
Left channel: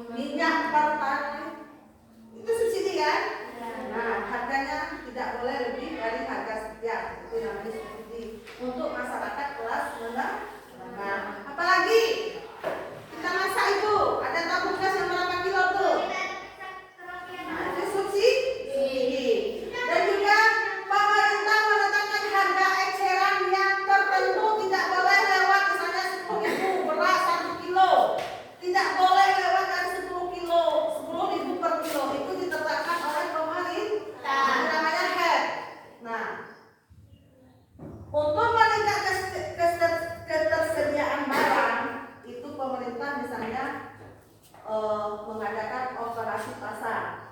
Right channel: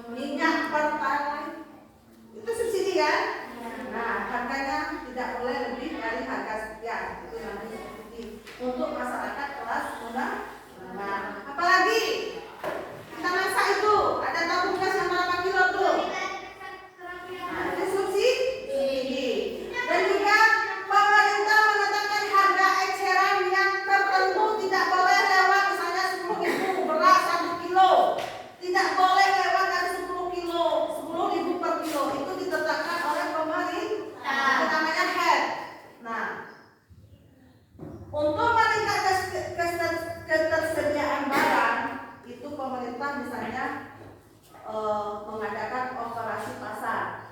Minyak pertalite itu subsidi kan? Nah, harganya tidak boleh lebih dari harga sekian. Itu namanya subsidi untuk masyarakat kelas menengah. Nah, apalagi kita masak itu ada tabung gas yang berapa kilo tuh? Nah, itu subsidi. Dan juga pemerintah menetapkan harga eceran yang tertentu tidak boleh lewat, misalnya 10.000 beras 1 kilo, tidak boleh lewat dari 10.000 per kilo. Itu ditetapkan oleh pemerintah. Itu namanya HED. Nah, untuk meningkatkan ketersediaan barang, itu pemerintah misalnya mengadakan operasi pasar.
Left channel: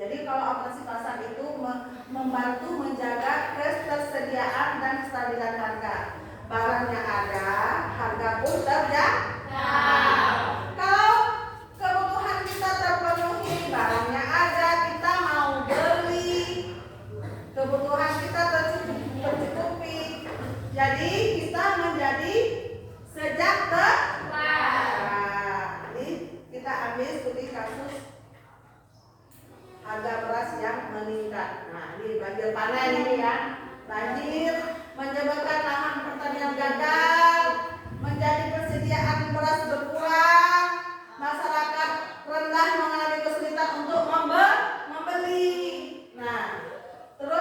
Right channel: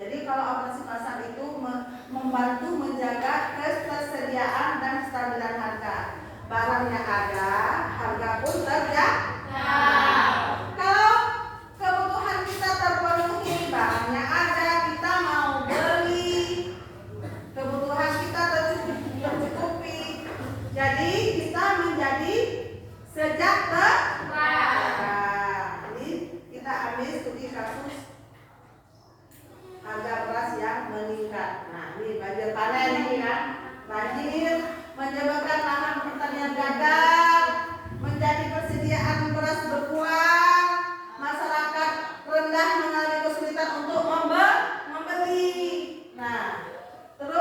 Jadi kalau operasi pasar itu membantu menjaga ketersediaan dan kestabilan harga. Barangnya ada, harga pun terjaga. Kalau kebutuhan kita terpenuhi, barangnya ada, kita mau beli, kebutuhan kita tercukupi, jadi kita menjadi sejahtera. Ini kita ambil studi kasus harga beras yang meningkat. Nah, ini banjir panen ini kan, banjir menyebabkan lahan pertanian gagal, menjadi persediaan beras berkurang, masyarakat rendah mengalami kesulitan untuk membeli. Nah, terus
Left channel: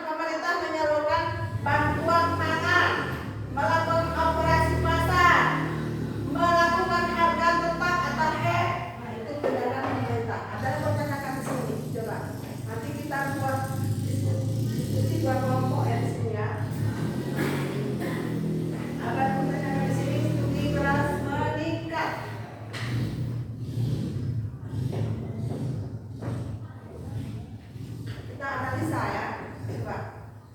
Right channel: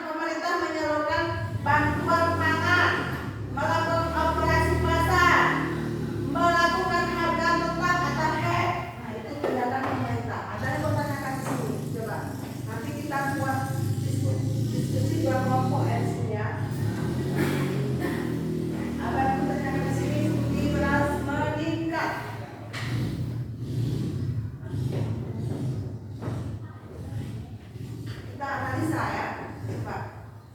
pemerintah menyalurkan bantuan pangan, melakukan operasi pasar, melakukan harga tetap atau HED. Nah, itu tindakan pemerintah. Ada yang bertanyakan di sini, coba. Nanti kita buat diskusi dua kelompok ya di sini ya. Apa yang bertanyakan di sini? Studi beras meningkat. Kita analisa ya, coba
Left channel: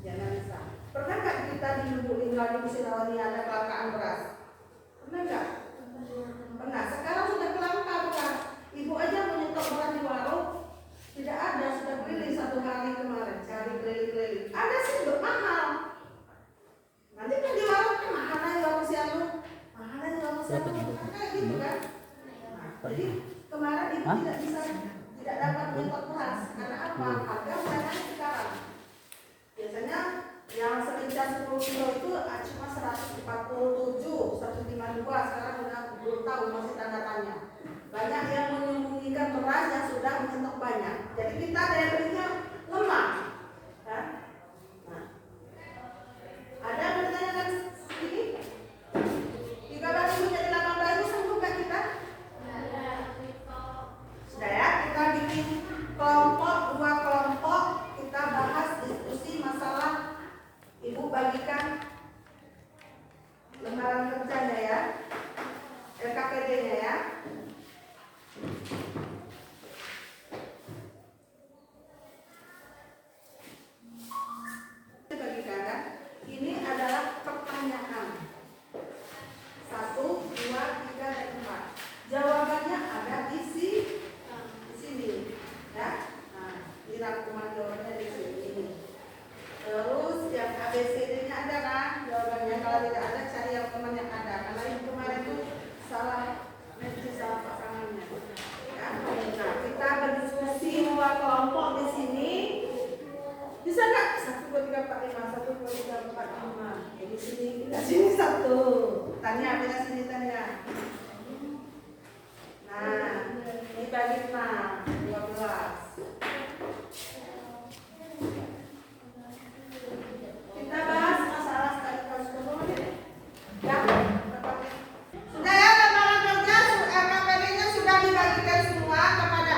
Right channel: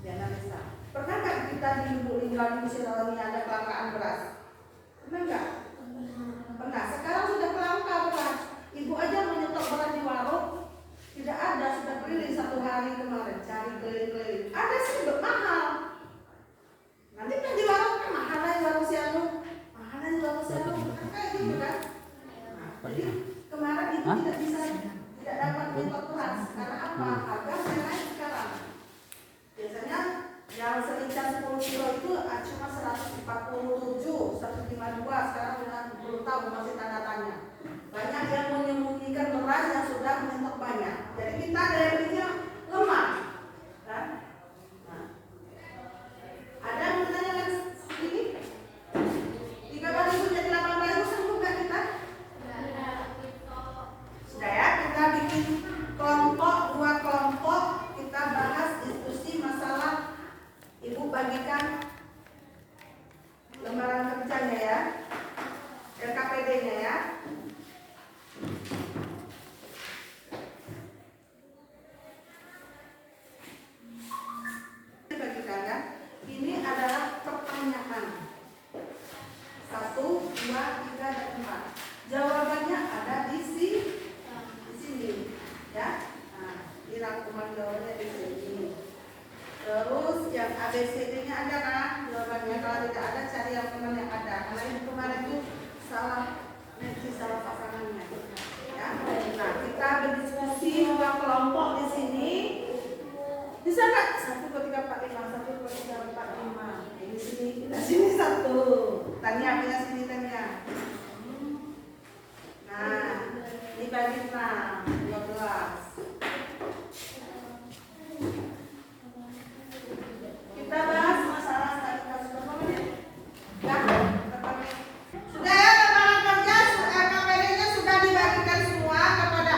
dianalisa. Pernah nggak kita di Lubuk Linggau di Musi ada kelangkaan beras? Pernah nggak? Pernah. Sekarang sudah kelangka beras. Ibu aja menyetok beras di warung, tidak ada, sudah keliling 1 hari kemarin cari keliling-keliling. Ada sih mahal. Nanti kan di warung kan mahalnya di warung sianu, mahalnya di warung sianu, kan kayak gitu kan. Nah, jadi kemarin ibu tidak dapat menyetok beras karena apa? Harga naik sekarang. Biasanya yang selincah 10 kilo itu cuma 147, 152, sekarang sudah belum tahu, masih tanda tanya. Banyak yang menyembunyikan beras yang sudah menyetok banyak. Jadi kita daya belinya lemah. Kan? Nah. Ada yang bertanyakan ini? 13.000 jadi 18.000 sanggup nggak kita? Sudah ya, kita bikin kelompok, 2 kelompok, kita bahas diskusi masalah. Ibu bagikan lembaran kerjanya ya, LKPD-nya ya. Bagikan kan? Ini adalah pertanyaan 1, 2, 3, dan 4. Jawabannya ada di sini, ya. Nah, di rangkuman jawabannya di sini. Terus yang ABCD-nya ada kan jawabannya. Kalau tidak ada cari yang teman yang ada. Karena ibu kemarin itu salah pasangannya. Ya. Nah, kita berdiskusi 2 kelompok di sini. Bisa nggak? 1, 2, 3, 4, 5. 1, 2, 3, 4, 5. Di sini, kita sini 1. Tanya, bila sini tanya. Nah, ini bagi 6, 12. Kita bahas masalah studi kasus berapa menit? Ya, sudah ya, lembaran kerja LKPD-nya sudah dibagikan semua kepada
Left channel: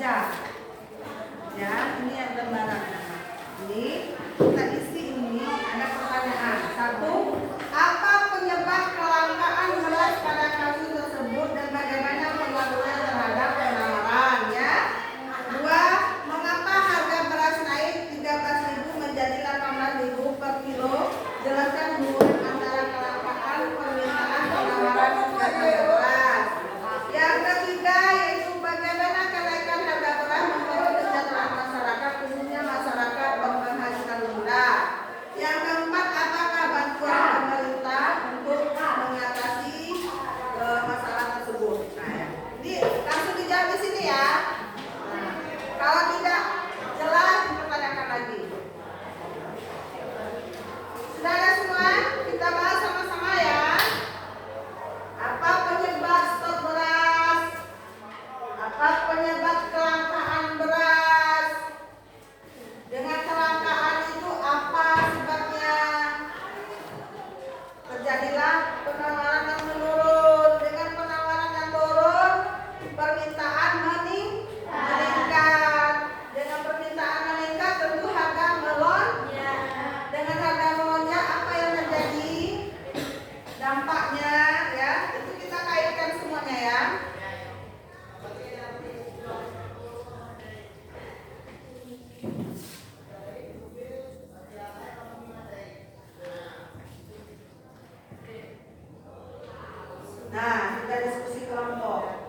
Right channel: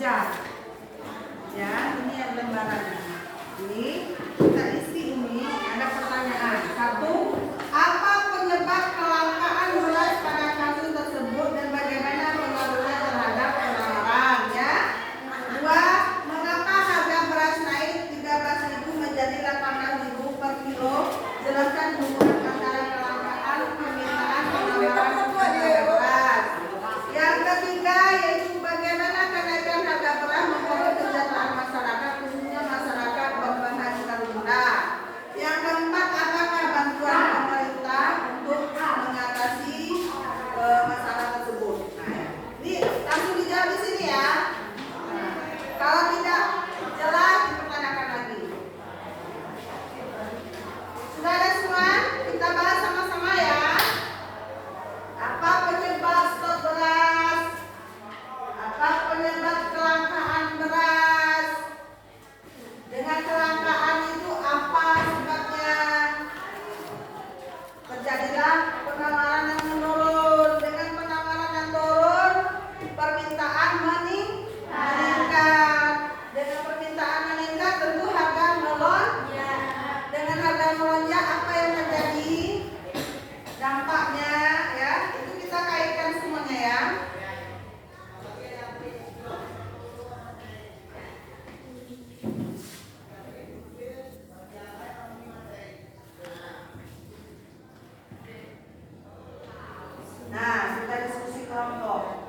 kejar. Ya, ini yang lembarannya. Ini kita isi ini ada pertanyaan. 1. Apa penyebab kelangkaan beras pada kasus tersebut dan bagaimana pengaruhnya terhadap penawaran? Ya. 2. Mengapa harga beras naik 13.000 menjadi 18.000 per kilo? Jelaskan hubungan antara kelangkaan, permintaan, penawaran harga beras. Yang ketiga yaitu bagaimana kenaikan harga beras mempengaruhi kesejahteraan masyarakat, khususnya masyarakat berpenghasilan rendah. Yang keempat, apakah bantuan pemerintah untuk mengatasi masalah tersebut? Nah, ya. Ini langsung dijawab di sini ya. Nah, kalau tidak jelas dipertanyakan lagi. Sudah ada semua? Kita bahas sama-sama ya. Apa penyebab stok beras? Apa penyebab kelangkaan beras? Dengan kelangkaan itu apa sebabnya? Terjadilah penawaran yang menurun. Dengan penawaran yang turun, permintaan meningkat. Dengan permintaan meningkat, tentu harga melonjak. Dengan harga melonjak, apa yang terjadi? Dampaknya ya, itu kita kaitkan semuanya ya. Nah, kita diskusi kelompok.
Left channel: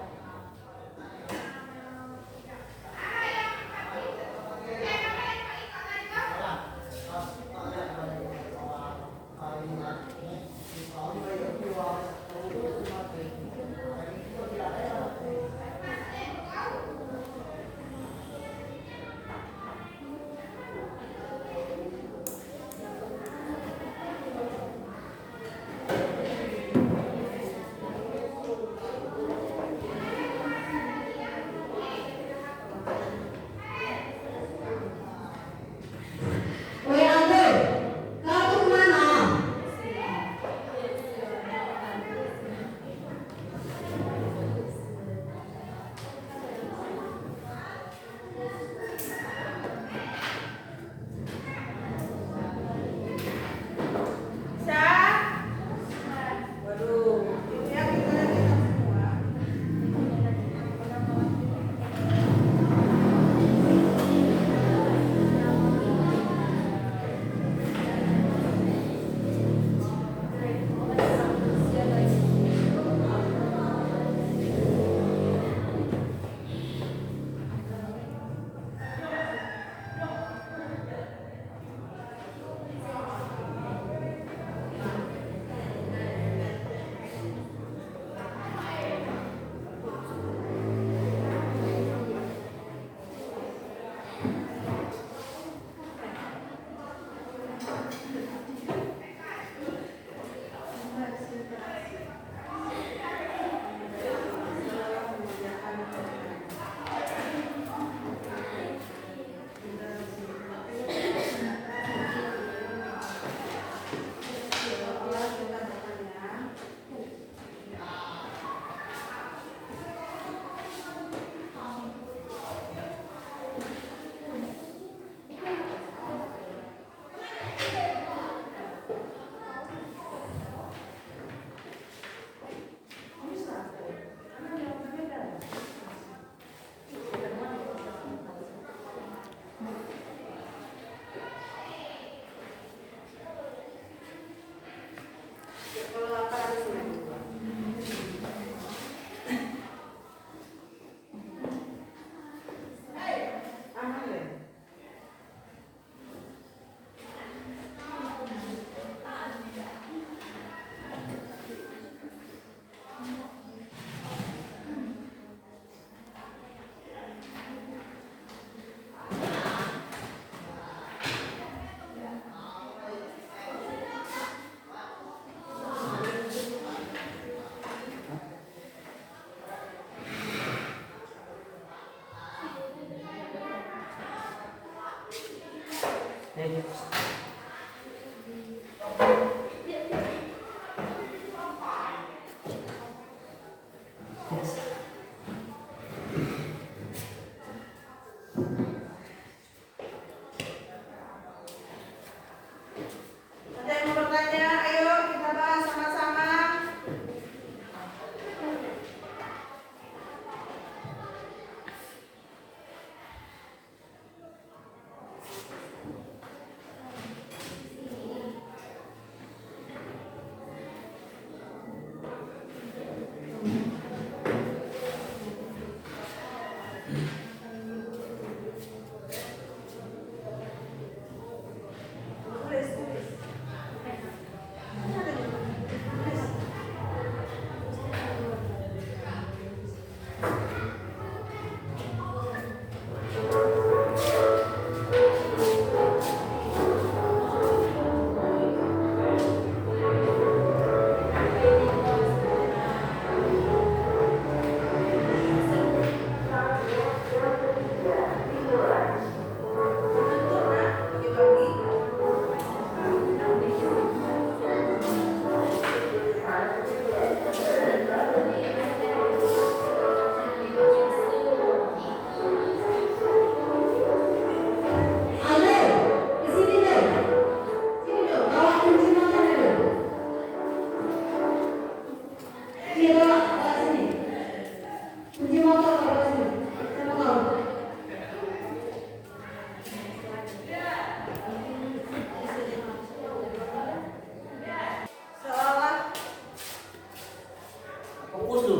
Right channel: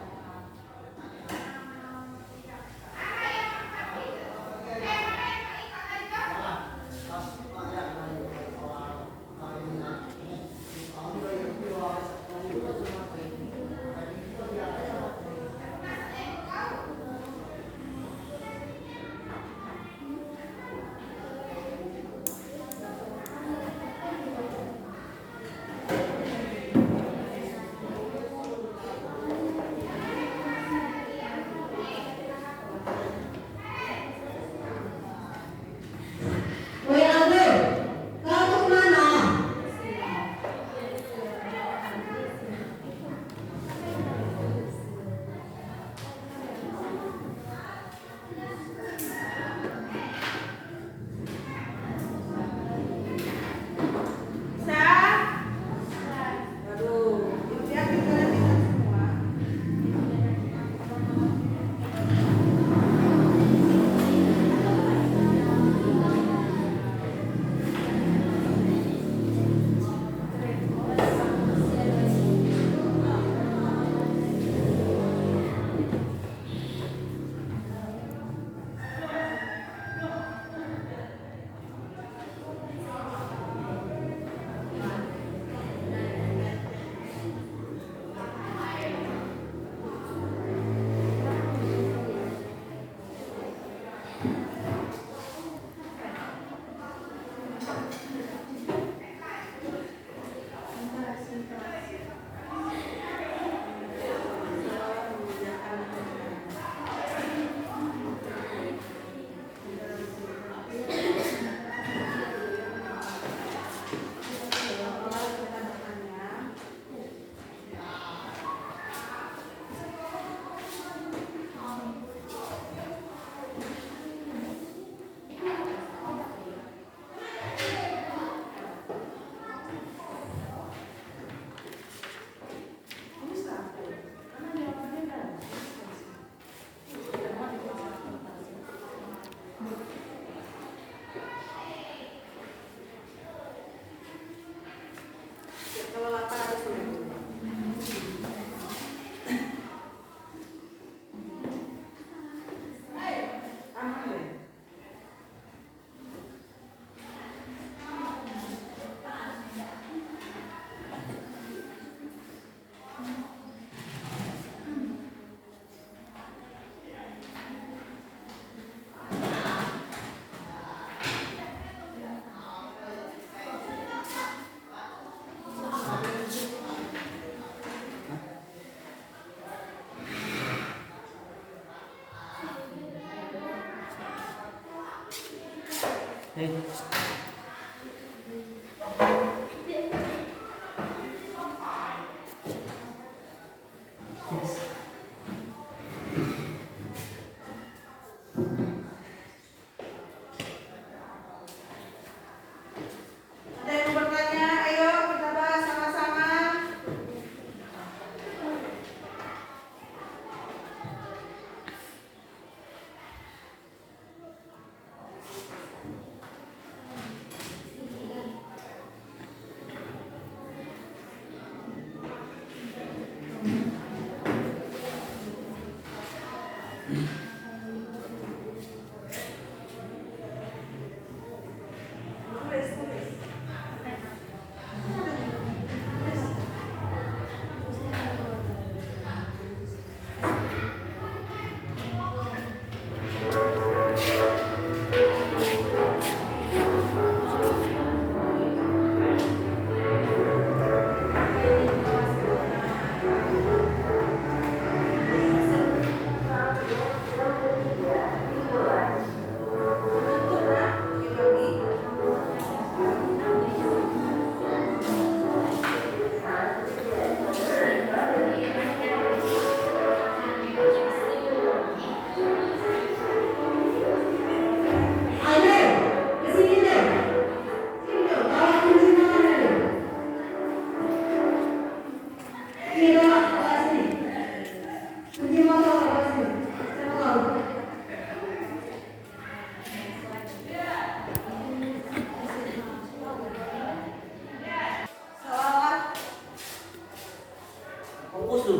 Fokus lu.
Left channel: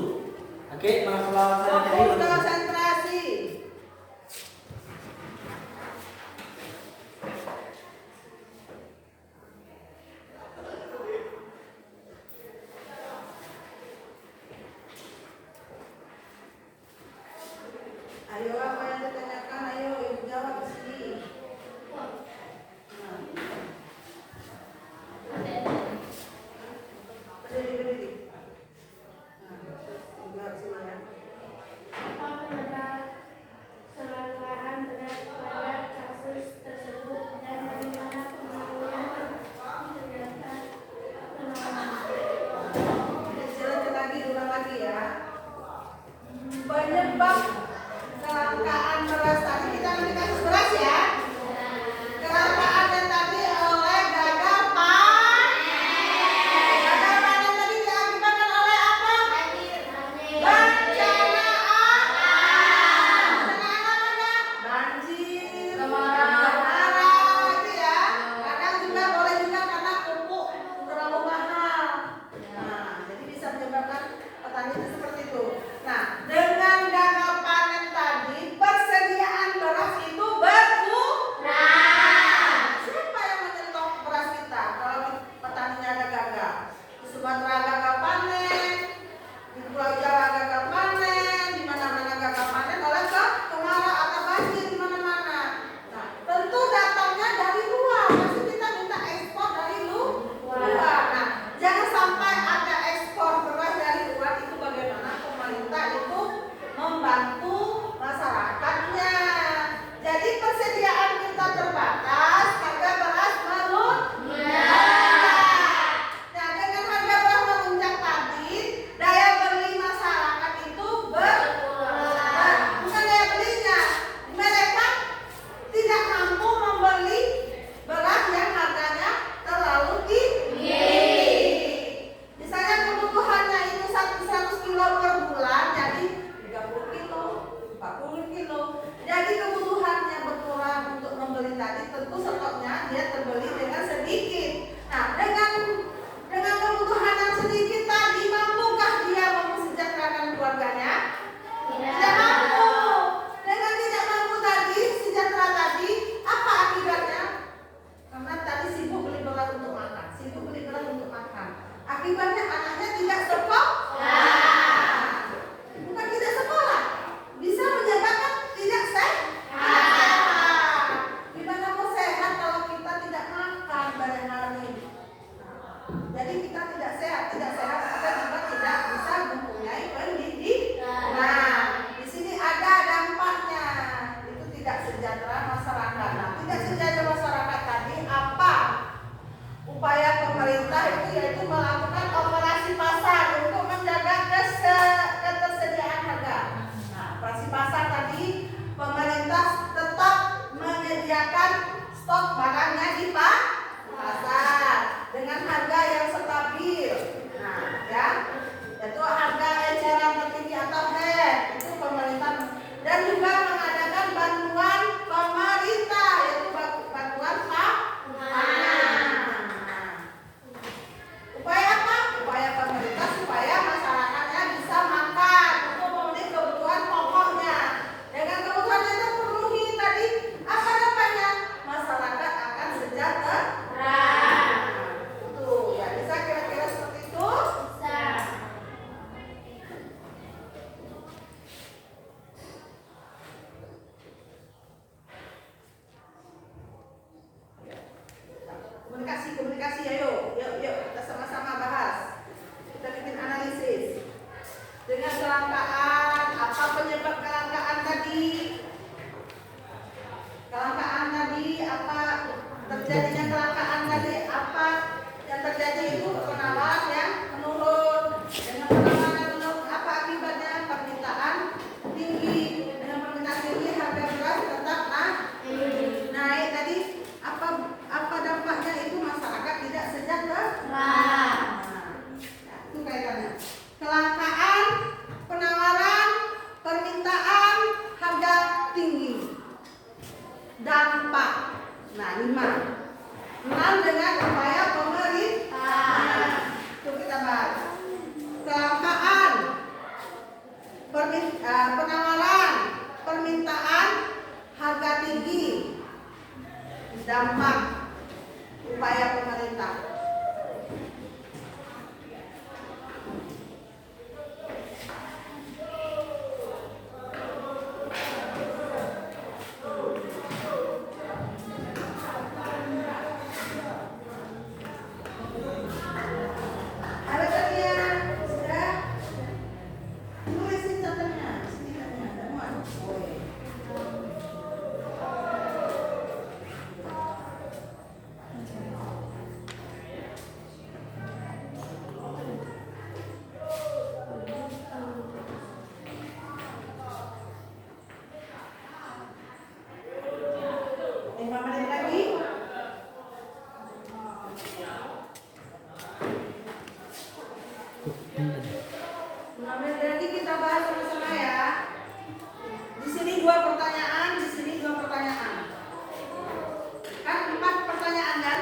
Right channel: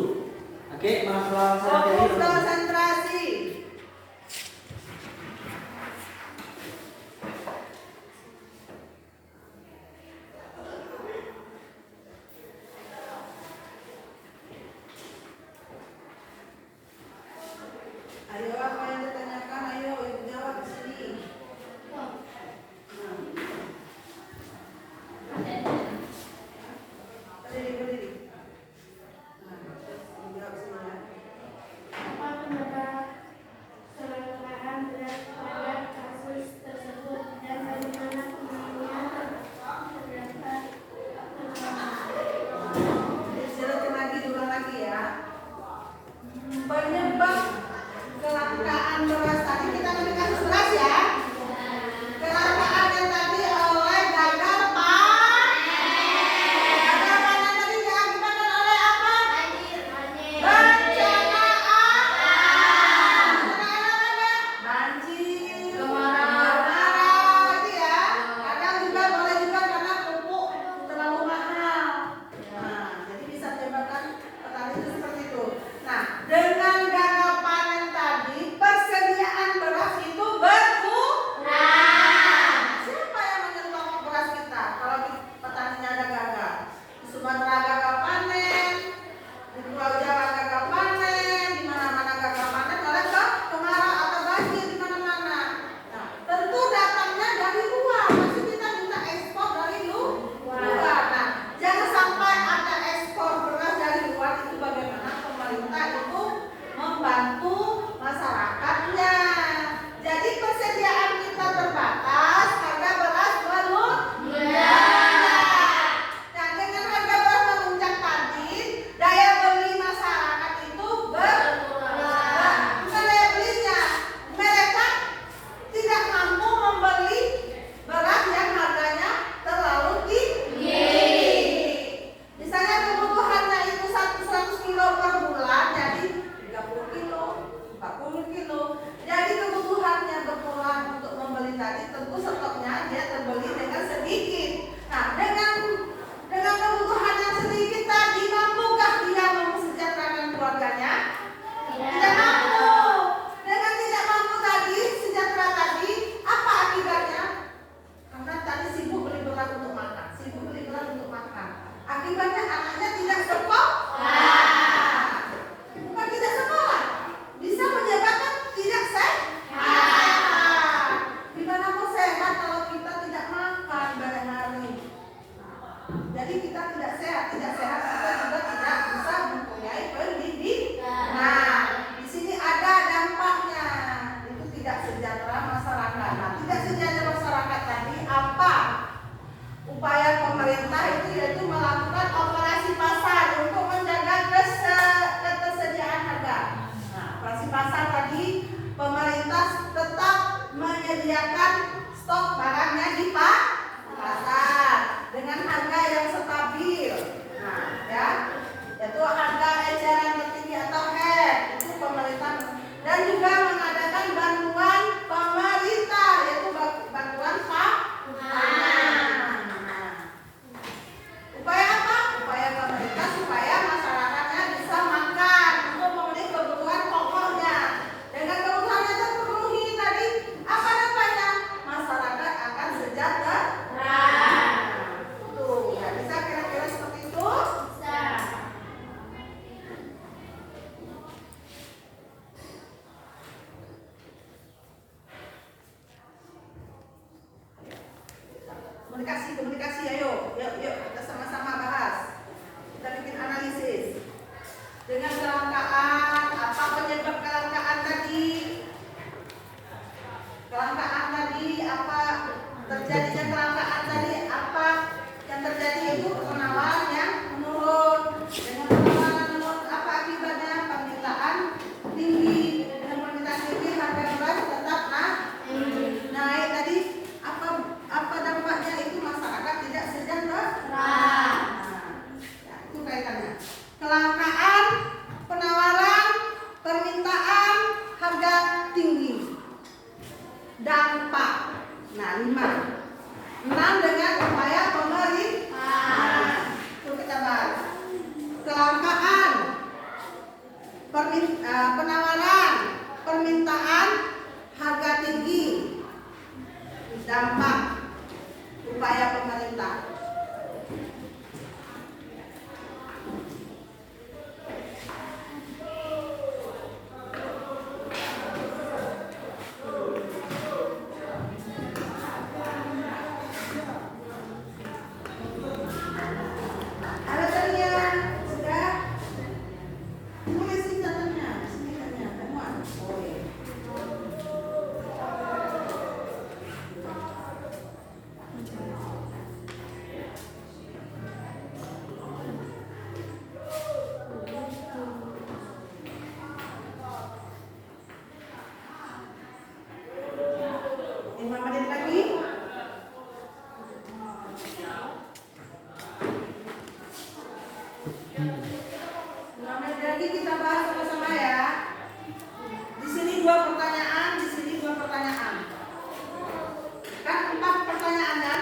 Oke, masalah Fokus konsentrasi. Ayo apa yang ditanyakan, ayo ibu jawab di sini. Berdiri. Jawab sini ya. Apa penyebab kelangkaan beras pada kasus tersebut dan bagaimana penanganannya terdapat Silakan lagi, ulang lagi ya. Penyebab kelangkaan beras tadi, kita ngambil kasus beras ya. Kelangkaannya tadi oleh gagal panen. Gagal panen tadi diakibatkan oleh apa? Bencana alam. Bencana apa? Banjir, kemarau itu ya. Kadang juga boleh juga karena pupuk terlalu mahal. Nah, jadi bisa menyebabkan petani itu seperti itu. Nah, dengan gagal panen tadi, persediaan beras itu berkurang. Siapa yang menyetok beras kita kalau petaninya ada gagal? Di Sumatera gagal panen, di Pulau Jawa gagal panen, di mana-mana gagal panen, oleh kemarau atau banjir di mana-mana. Nah, tentu datangnya dari luar. Pasti kita minta ekspor dari luar. Nah, jangan sampai ada ekspor beras dari luar. Itu bagaimana pemerintah itu membantu masyarakatnya. Jadi persediaan kita terbatas, harga beras melonjak. Nah, dengan harga beras melonjak tadi, daya beli masyarakat itu berkurang. Bukan daya belinya, mereka tidak mampu membeli beras yang harganya terlalu tinggi. Misalnya kebutuhannya itu 100 kilo per bulan, jadi 30 kilo, 40 kilo. Jadi kebutuhannya berkurang untuk membeli tadi, tentu stoknya dia terbeli dengan sedikit. Nah, dengan kebutuhan yang sedikit tadi, mampukah dia mesejahterakan keluarganya? Tidak mampu. Dengan tidak mampu tadi, sejahtera tadi, apa akibatnya? Karena tadi sibuk beli beras untuk makan, sibuk beli beras untuk makan. Akibatnya anaknya tidak sekolah. Bukan tidak sekolah, bisa menyebabkan tidak sehat. Gimana mau sehat kalau kita tidak makan banyak hari? Jadi kita tidak sehat kita juga tidak bisa mempunyai pendidikan. Nah, di sini ada dampaknya. Itu tidak sejahtera masyarakat. Nah, tidak sejahtera masyarakat tadi apa? Upaya pemerintah itu yaitu melakukan operasi pasar untuk menjaga ketersediaan harga. Nah, operasi pasar tadi pemerintah tetap menyediakan stok barangnya di pasar dengan harga yang stabil. Nah, ya, yaitu harga eceran tertinggi atau HET itu pemerintah, dan juga mengadakan bantuan pemerintah yaitu bantuan pangan. Upaya apa? Upaya pemerintah supaya masyarakatnya bisa makan untuk memenuhi kebutuhan pokoknya. Dengan 6 dengan upaya pemerintah. Itu kita bahas. Kelangkaan, penawaran, permintaan, harga tinggi, dampak upaya pemerintah. Jadi kita bahas sama-sama ya. Di sini 2 pertanyaan, di sini 2 pertanyaan. Kan 4 pertanyaan kan?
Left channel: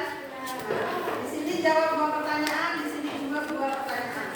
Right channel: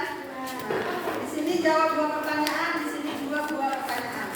Di sini jawab 2 pertanyaan, di sini juga 2 pertanyaan.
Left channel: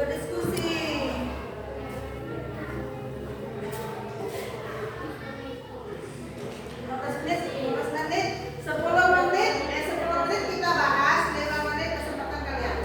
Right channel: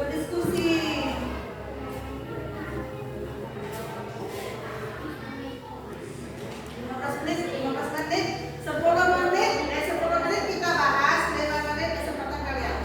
Berdiskusi. 15 menit, 10 menit kita bahas, 5 menit kesempatan kalian.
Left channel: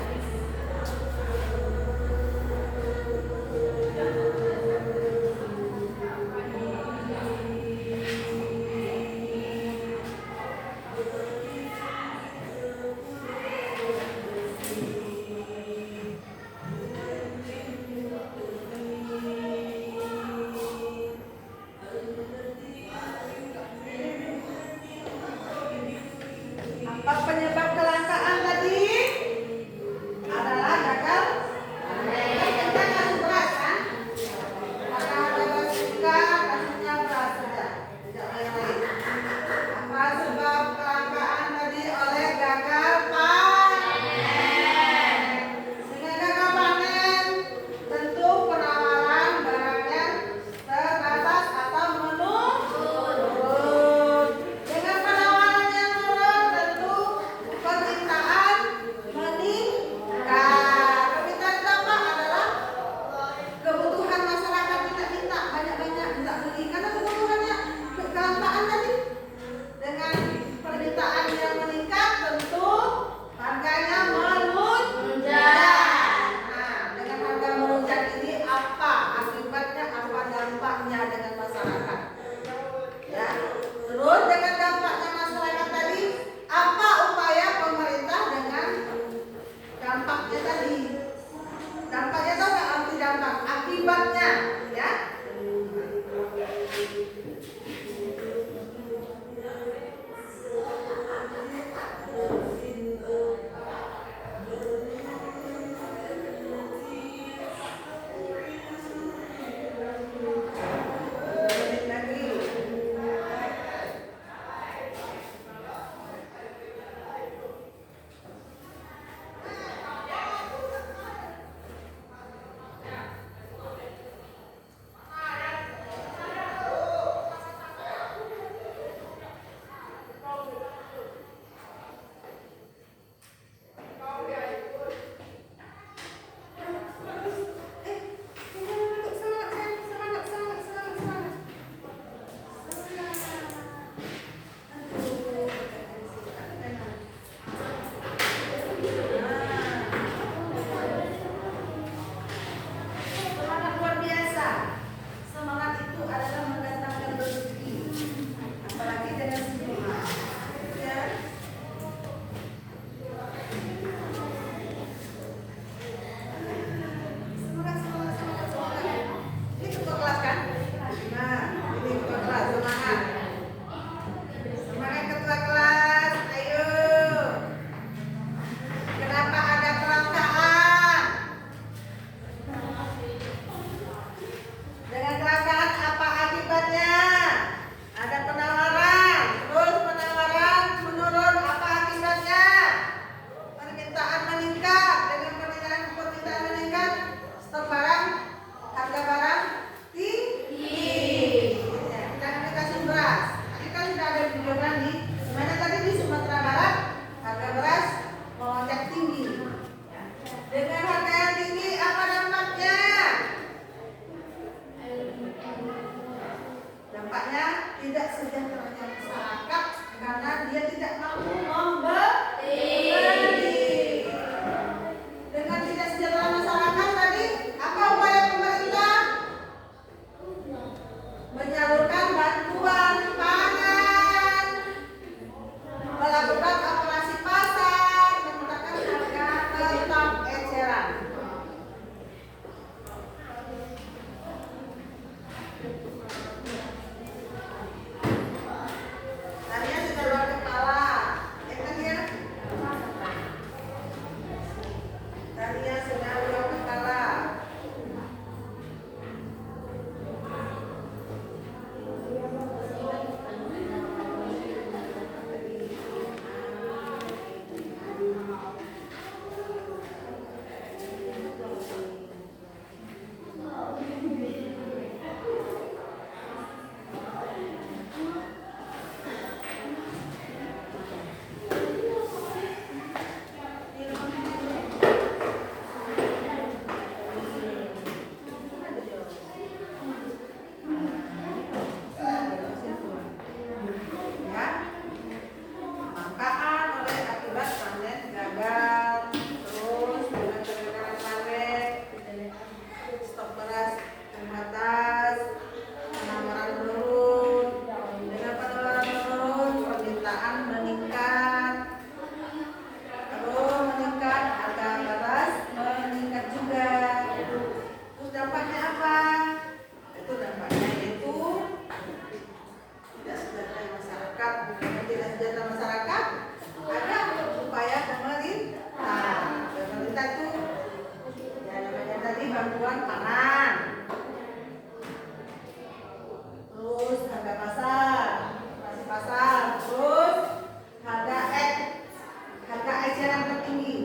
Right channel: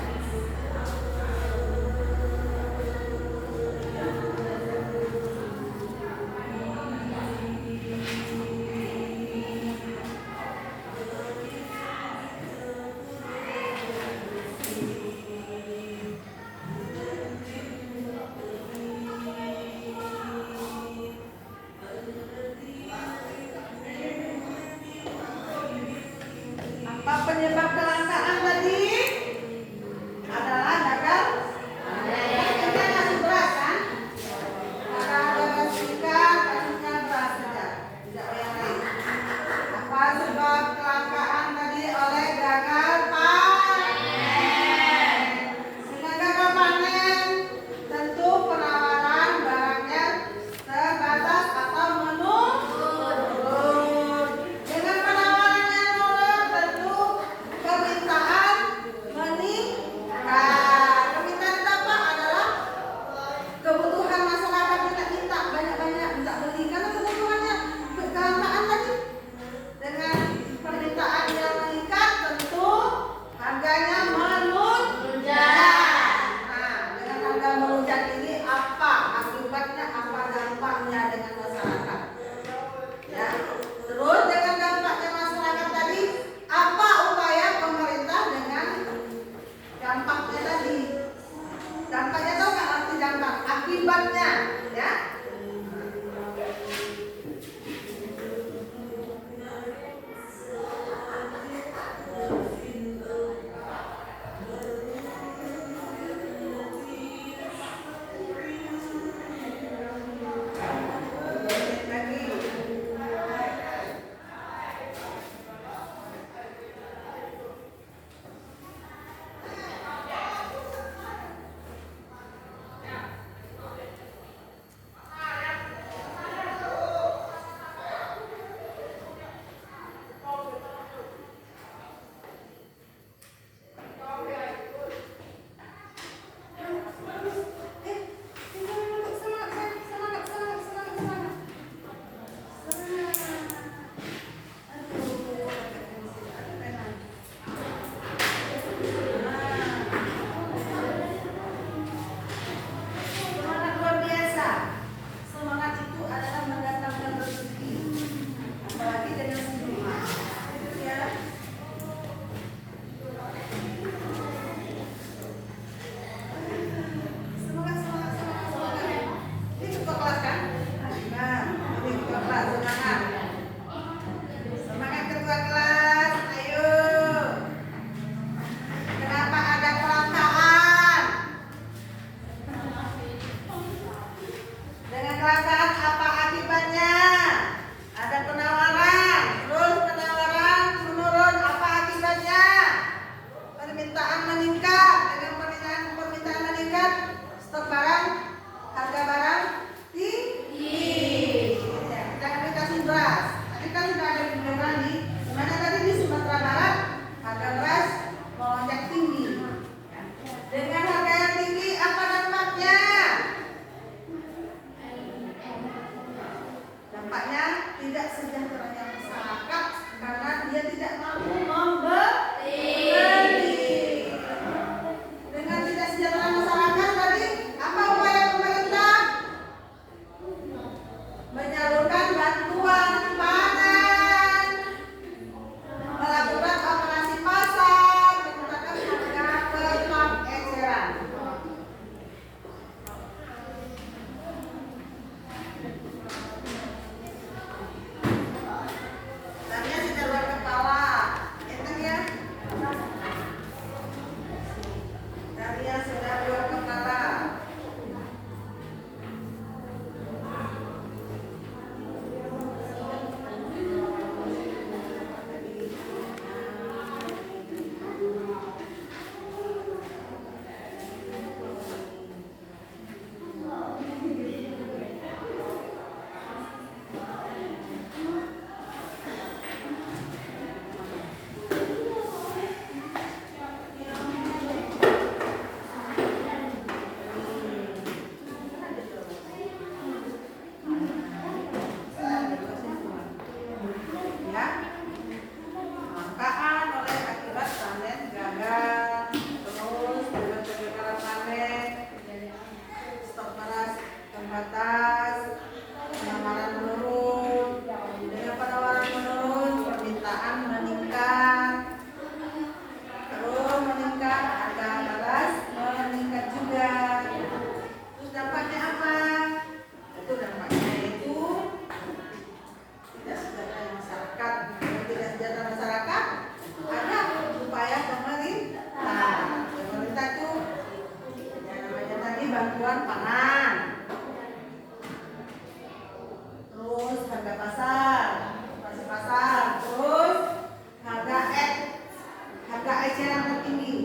dampaknya tidak sejahteranya masyarakat karena dia tidak mampu membeli. Dengan tidak sejahtera masyarakat tadi, apa upaya pemerintah? Menyalurkan bantuan pangan, melakukan operasi pasar, menggunakan harga tetap eceran. Tadinya tidak luar kepala, kan ya? Tadinya sudah luar kepala. Ya, kelangkaan oleh akibat panen gagal, terus dengan kegagalan panen, stok beras terbatas, penawaran menurun, dengan penawaran menurun, permintaan meningkat, terus meningkat, harga beras meningkat juga. Terus dampaknya apa? Itu dampaknya itu tidak sejahtera masyarakat. Dengan tidak sejahtera masyarakat, ada upaya pemerintah. Pemerintah itu ya namanya tadi bantuan pangan, terus harga pasar, operasi pasar, terus harga eceran tertinggi.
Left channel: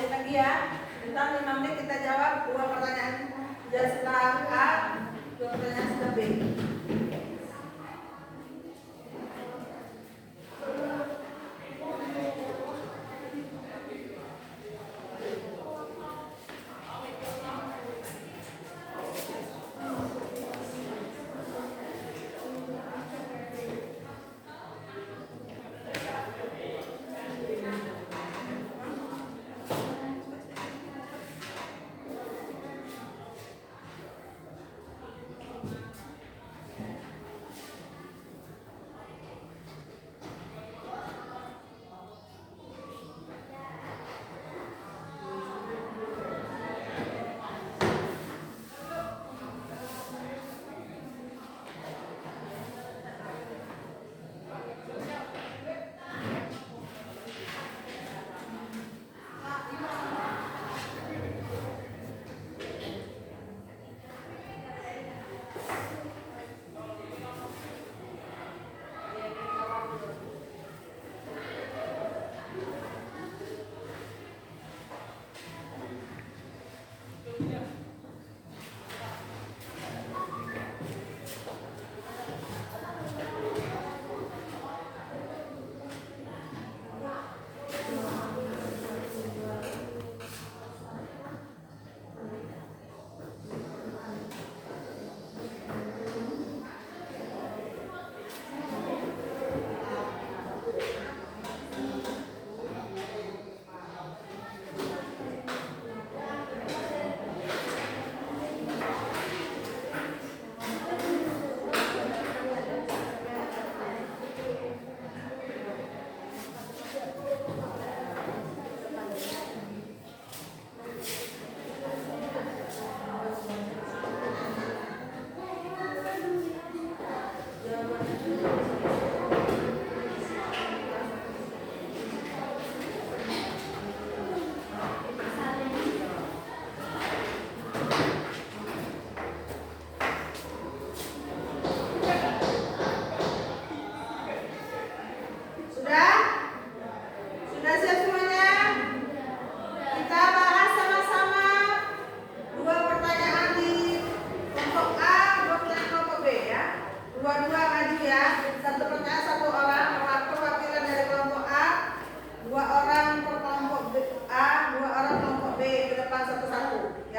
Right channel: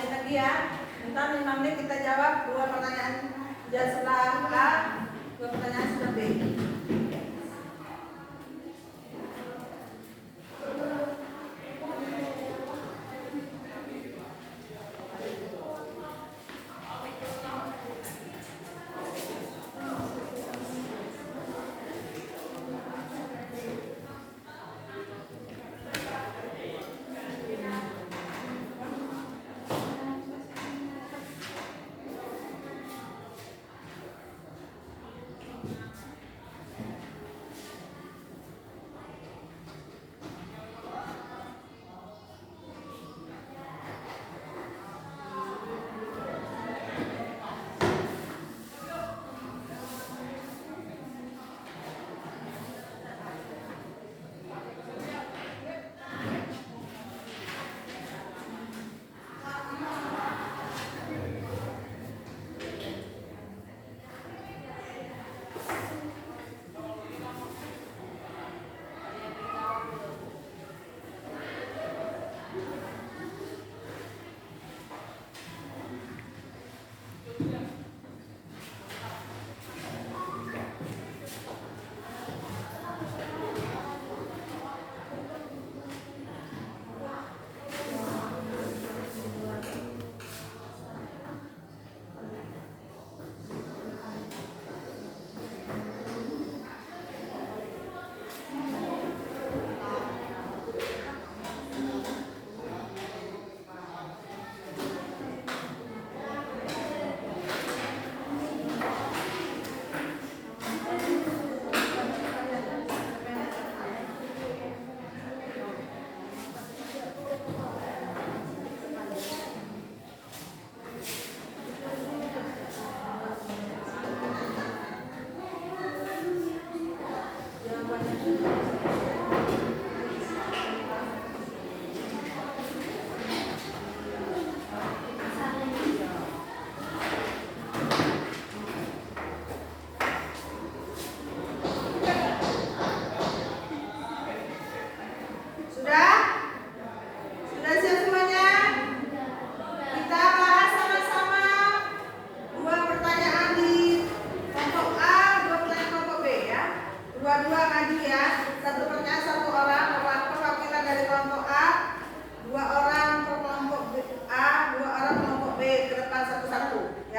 Lagi ya, entar 5 menit kita jawab 2 pertanyaan setelah A, 2 pertanyaan setelah B.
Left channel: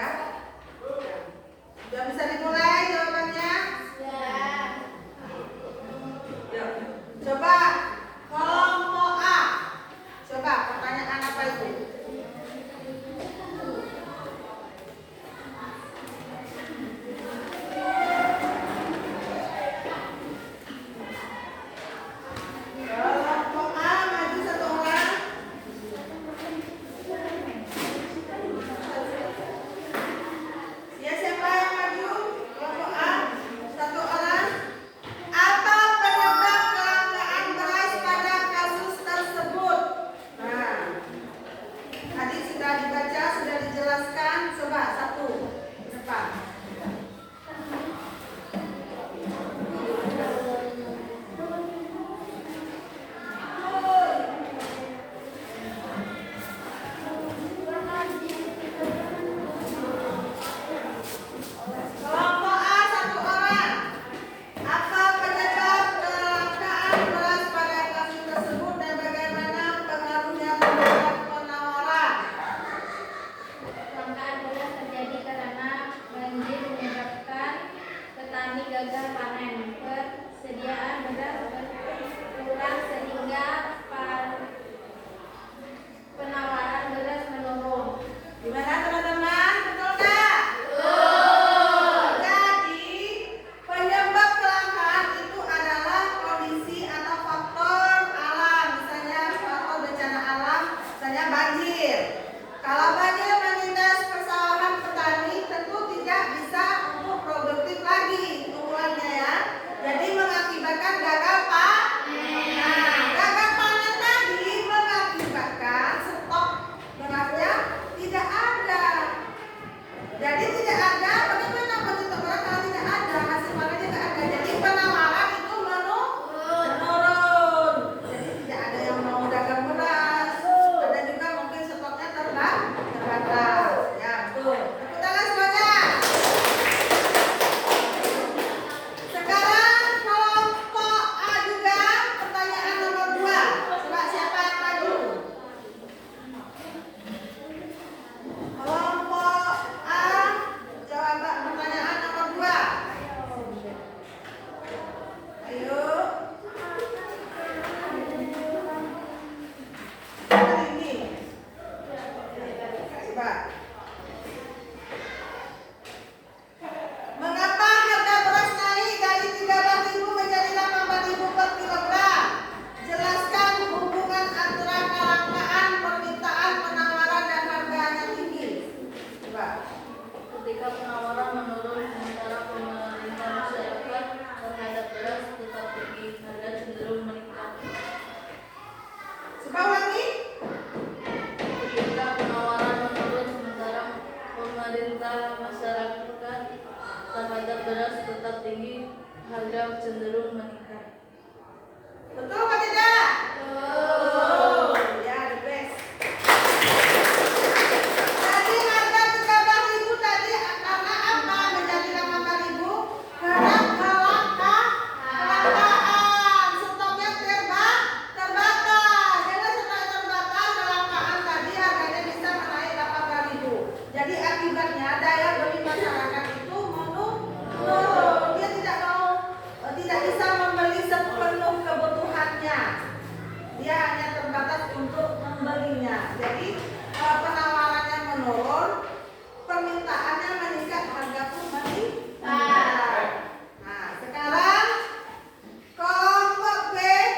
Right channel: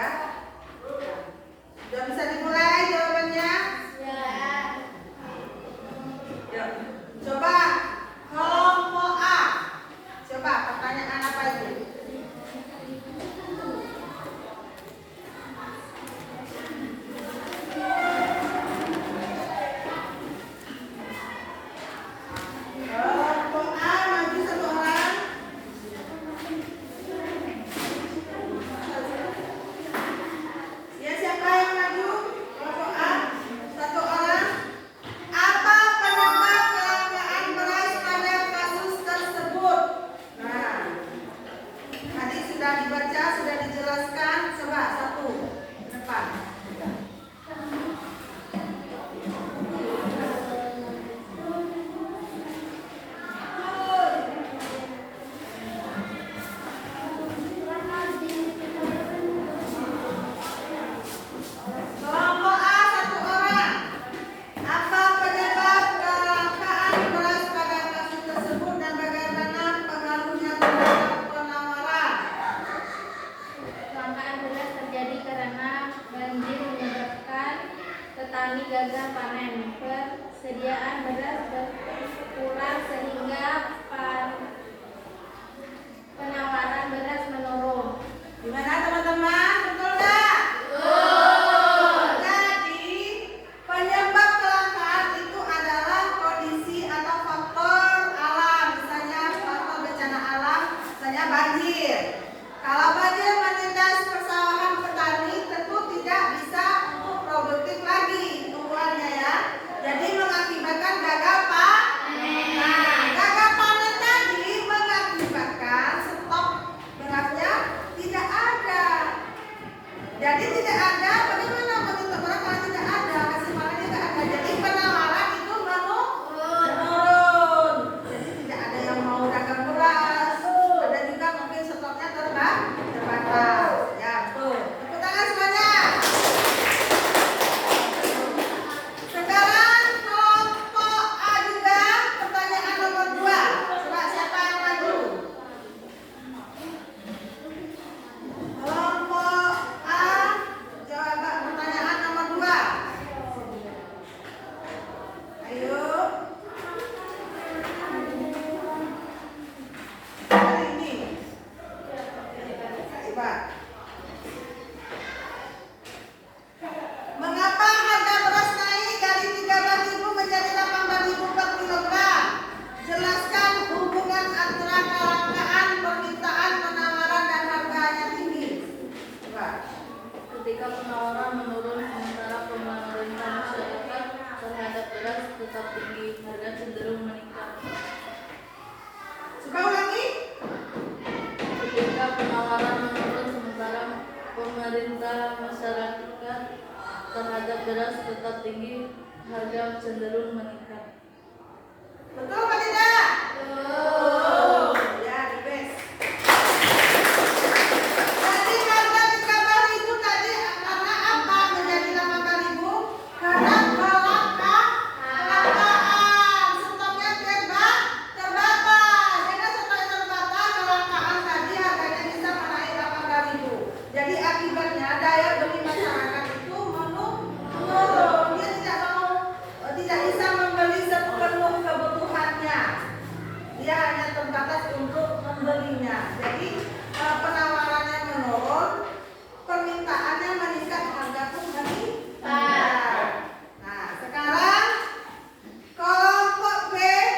Ya. Sudah bisa dimulai jawabannya? Ya. Coba kelompok A. Coba pertanyaan apa itu? Kelompok A maju satu orang. Ya, siapa yang maju? Kelompok A satu orang. Apa penyebab kelangkaan beras pada kasus tersebut? Nah, tadi sudah dibaca, sudah dijelaskan. Coba satu depan. Kelompok A satu orang. Apa penyebab kelangkaan beras pada kasus tersebut dan bagaimana pengaruhnya terhadap penawaran? Kelangkaan beras terjadi karena banjir menyebabkan petani gagal panen. Persediaan beras berkurang sehingga penawaran beras menurun. Gimana teman-teman? Betul nggak? Jadi penyebab kelangkaan itu adalah kondisi atau faktor alam, misalnya faktor bencana alam, misalnya banjir. Kalau banjir menindas persawahan petani, tentu tidak bisa untuk produktif lagi tumbuhannya ya. Jadi mengakibatkan gagal panen. Nah, gagal panen tadi mengakibatkan stok berasnya tidak ada. Jadi tidak ada, bagaimana meminta beras kalau tidak ada, hasil panennya tidak ada. Jadi penawaran itu menurun. Jadi tidak ada yang mau dagang beras. Ada juga mungkin stoknya terbatas. Ya, betul. Tepuk tangan semuanya. Sekarang kelompok A juga, pertanyaan nomor 2. Coba siapa yang maju? Kelompok A, coba pertanyaan nomor 2. Ayo. Hari ini. Coba. Mengapa harga beras naik dari 13.000 menjadi 18.000 per kilogram? Jelaskan hubungan antara kelangkaan, permintaan, penawaran, dan harganya tinggi. Coba. Ketika penawaran menurun sementara pemerintah masyarakat terhadap beras tetap tinggi, harga cenderung meningkat. Coba ulangi. Ketika penawaran menurun sementara pemerintah masyarakat terhadap beras tetap tinggi, harga cenderung meningkat. Betul apa tidak? Betul. Ya, the best. Jadi harga 13.000 tadi karena apa menjadi 18.000? Karena kelangkaan, stoknya terbatas. Karena stoknya terbatas, kelangkaan tadi harganya bisa menaik 18.000. Jadi akibatnya daya beli masyarakat itu menurun. Dia tidak bisa membeli sepenuh kebutuhannya. Dia hanya terbatas untuk membelinya. Jadi penawarannya menurun, permintaannya meningkat, harga pun meningkat. Nah, sekarang kelompok B,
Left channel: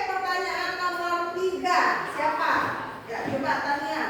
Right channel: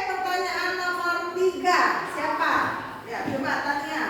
pertanyaan nomor 3. Siapa? Ya, coba Tania.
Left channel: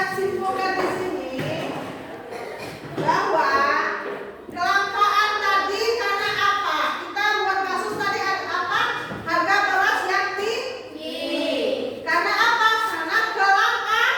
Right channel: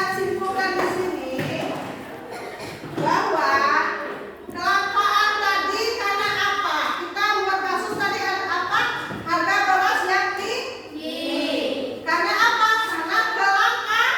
dapat simpulkan di sini bahwa kelangkaan tadi karena apa? Kita buat kasus tadi apa? Harga beras yang tinggi. Karena apa? Karena kelangkaan.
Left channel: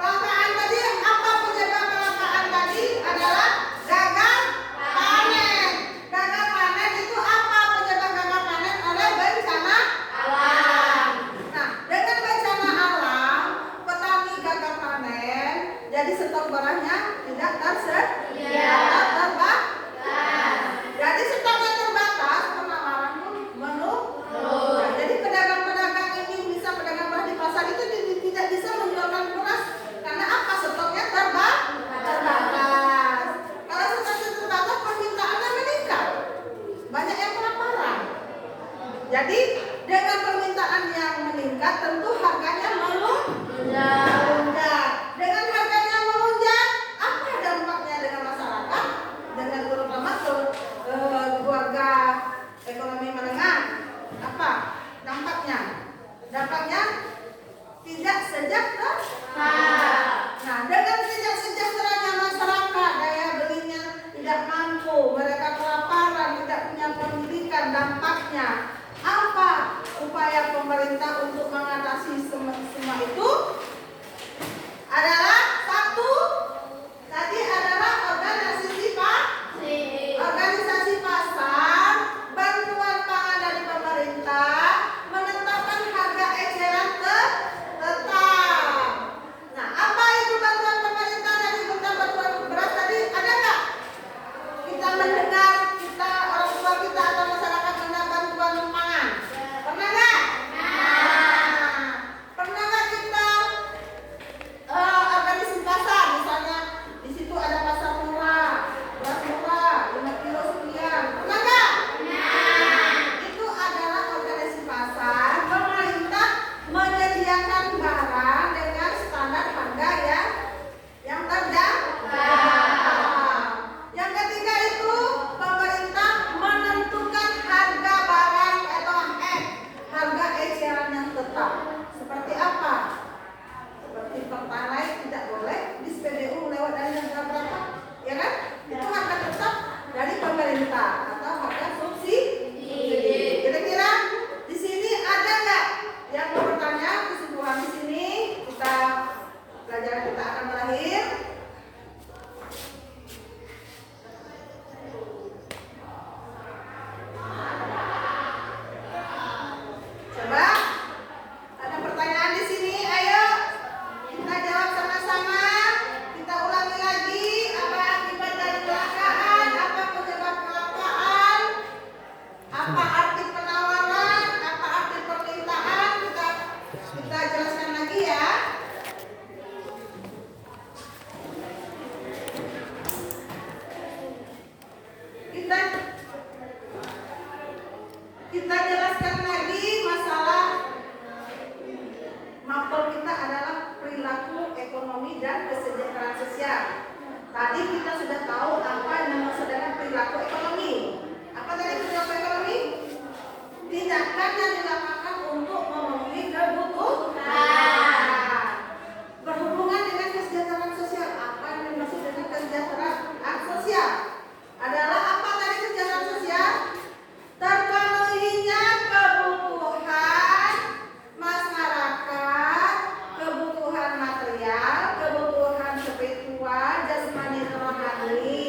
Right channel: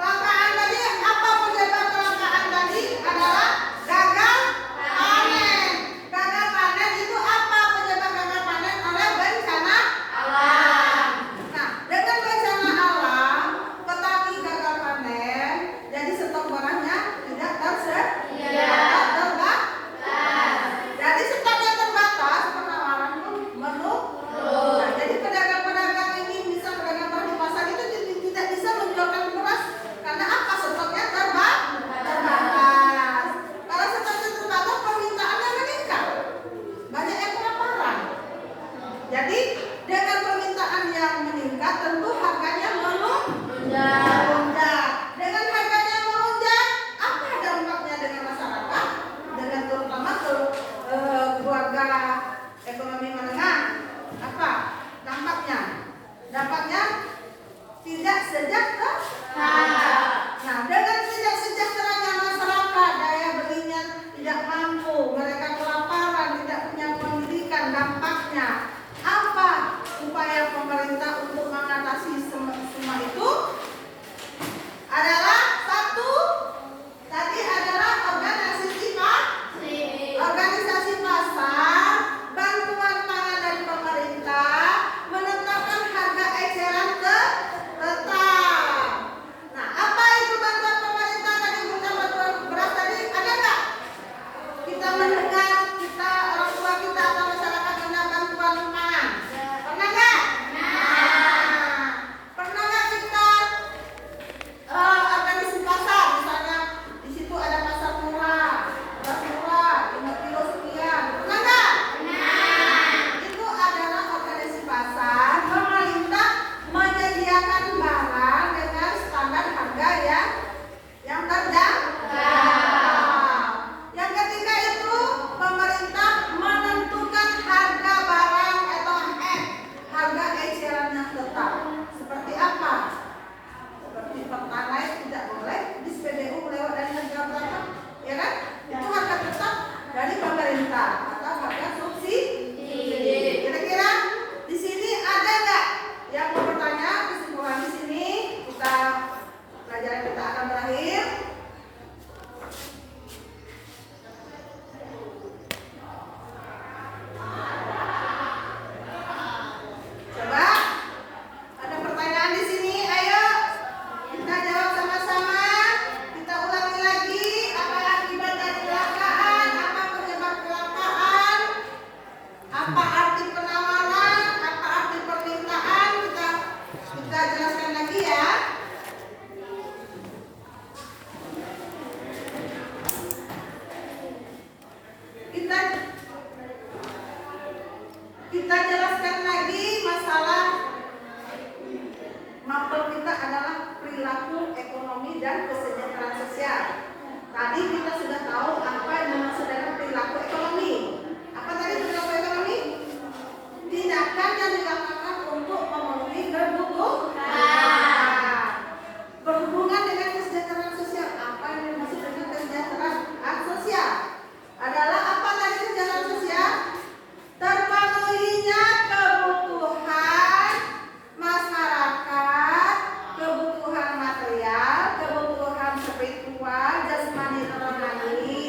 Kelangkaan tadi apa penyebab kelangkaan tadi? Adalah gagal panen. Gagal panen itu apa penyebab gagal panen? Oleh bencana alam. Nah, dengan bencana alam, petani gagal panen, jadi stok barangnya tidak tersedia. Jadi stoknya terbatas, penawaran pun menurun. Nah, jadi pedagang-pedagang ini bisa pedagang beras di pasar itu tidak bisa menjualkan beras karena apa? Stoknya terbatas. Kalau stoknya terbatas, permintaannya meningkat. Banyak yang kelaparan. Jadi dengan permintaan yang meningkat, tentu harganya melonjak. Dengan harganya melonjak, apa dampaknya dengan masyarakat? Dengan terutama keluarga ekonomi menengah, apa dampaknya? Dampaknya tidak sejahtera. Nah, dengan tidak sejahteranya masyarakat, daya belinya tidak mampu, mereka kelaparan, tidak punya pendidikan, dampaknya apa? Upaya pemerintah untuk mengatasi semua itu adalah satu, tadi adalah organisasi pasar, bantuan pangan dari pemerintah, menetapkan harga eceran tetap. Nah, apa itu bantuan pemerintah dari bantuan beras tadi? Ada nggak? Kita mendengar, orang tua kita atau masyarakat mendapat bantuan pangan. Pernah nggak? Pernah nggak kita organisasi pasar, misalnya di situ ada pasar murah, beras murah, 5 kilo sekian. Pernah nggak? Itu adalah organisasi pasar. Pemerintah menyediakan barang dengan standar harga yang terjangkau. Yang ketiga itu pemerintah menentukan harga barang atau harga eceran yang tetap. Seperti apa? Seperti pertalite tidak boleh di SPBU lewat dari harga berapa? Ya kan? Itu harga tetap dari pemerintah atau harga subsidi. Kira-kira di sini ada nggak yang mau bertanya? Kesimpulan di sini pelajaran kita akan berakhir. Coba ada pertanyaan di sini, ayo kita jawab sama-sama. Kita ulangi lagi, apa akibat dari kelangkaan, apa penyebab kelangkaan, apa arti penawaran, apa arti permintaan, kita jelaskan lagi ya. Kita jelaskan lagi masalah mapel kita adalah perilaku ekonomi dan kesejahteraan sosial. Tadi kita sudah tahu apa yang dimaksud dengan perilaku ekonomi. Apa tadi perilaku ekonomi? Tindakan yang dilakukan untuk memenuhi kebutuhan. Berhubungan dengan kesejahteraan sosial. Apa yang dimaksud dengan kesejahteraan sosial? Adalah apa tadi kesejahteraan sosial? Terpenuhinya kebutuhan masyarakat, kebutuhan material, kebutuhan spiritual, jasmani rohani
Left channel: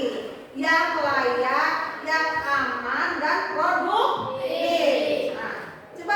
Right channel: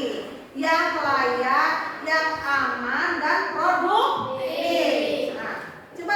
yang layak, yang aman dan produktif. Nah, coba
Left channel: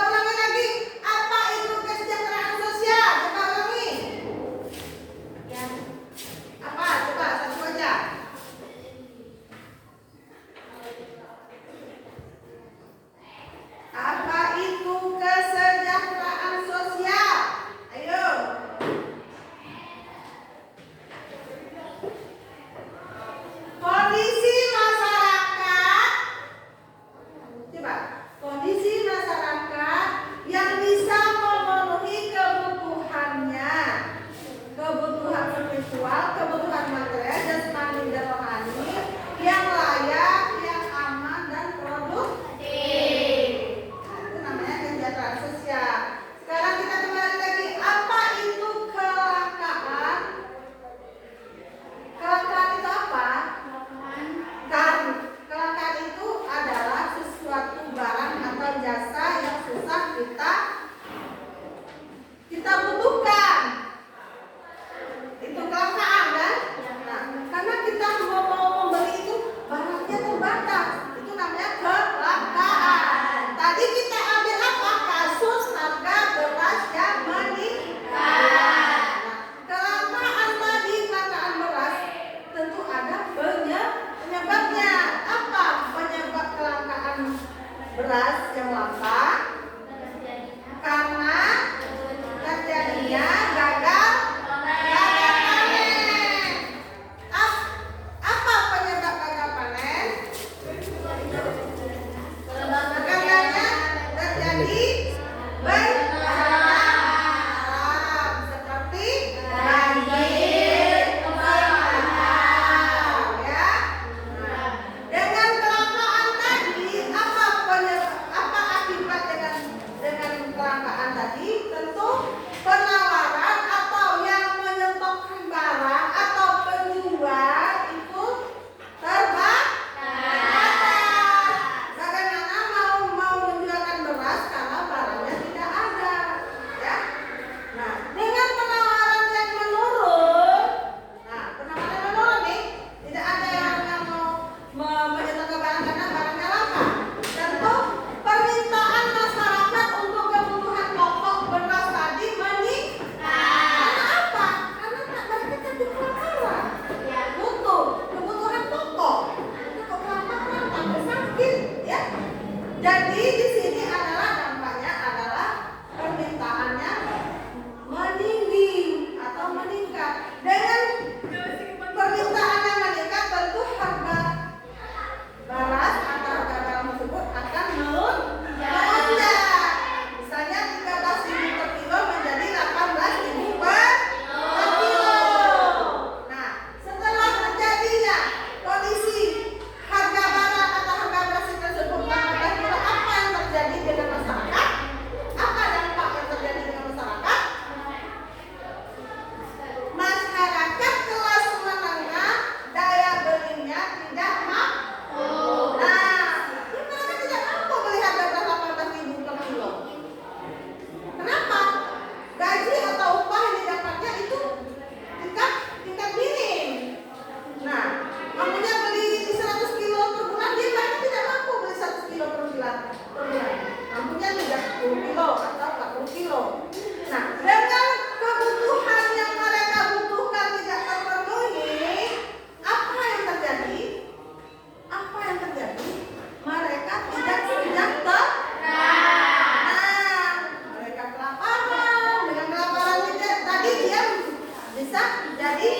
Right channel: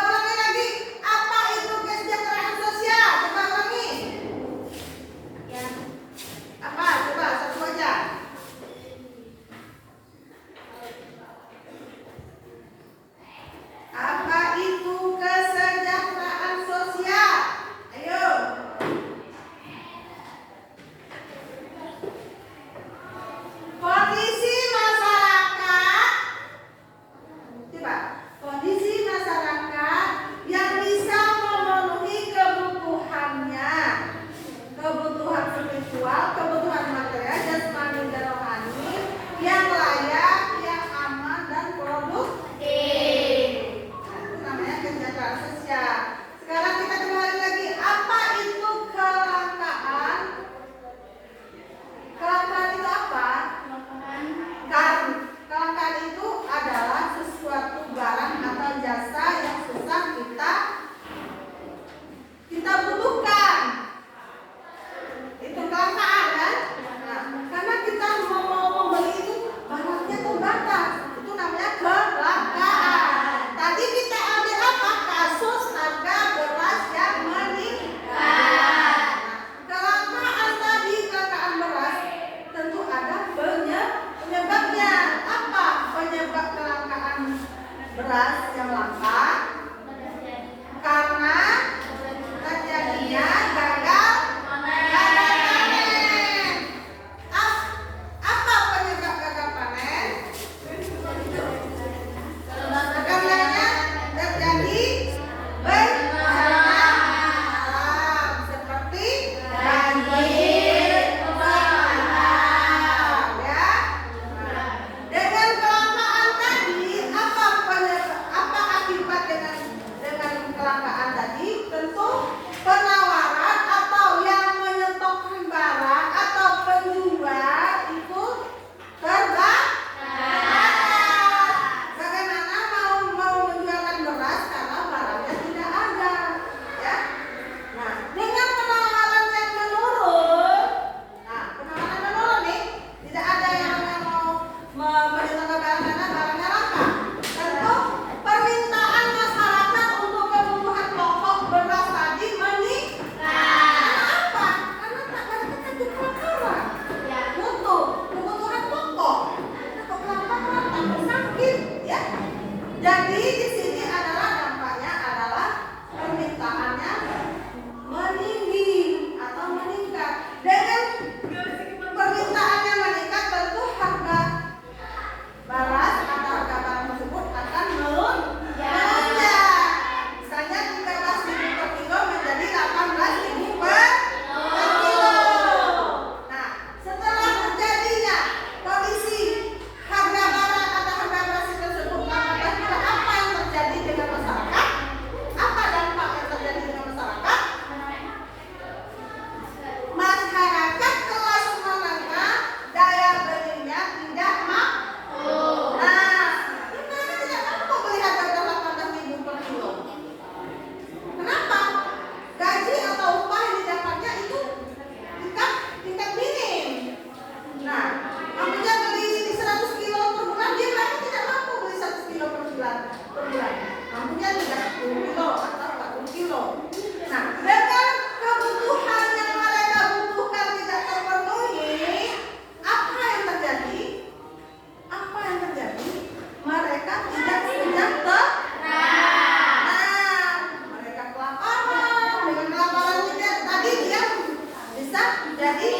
bisa jadi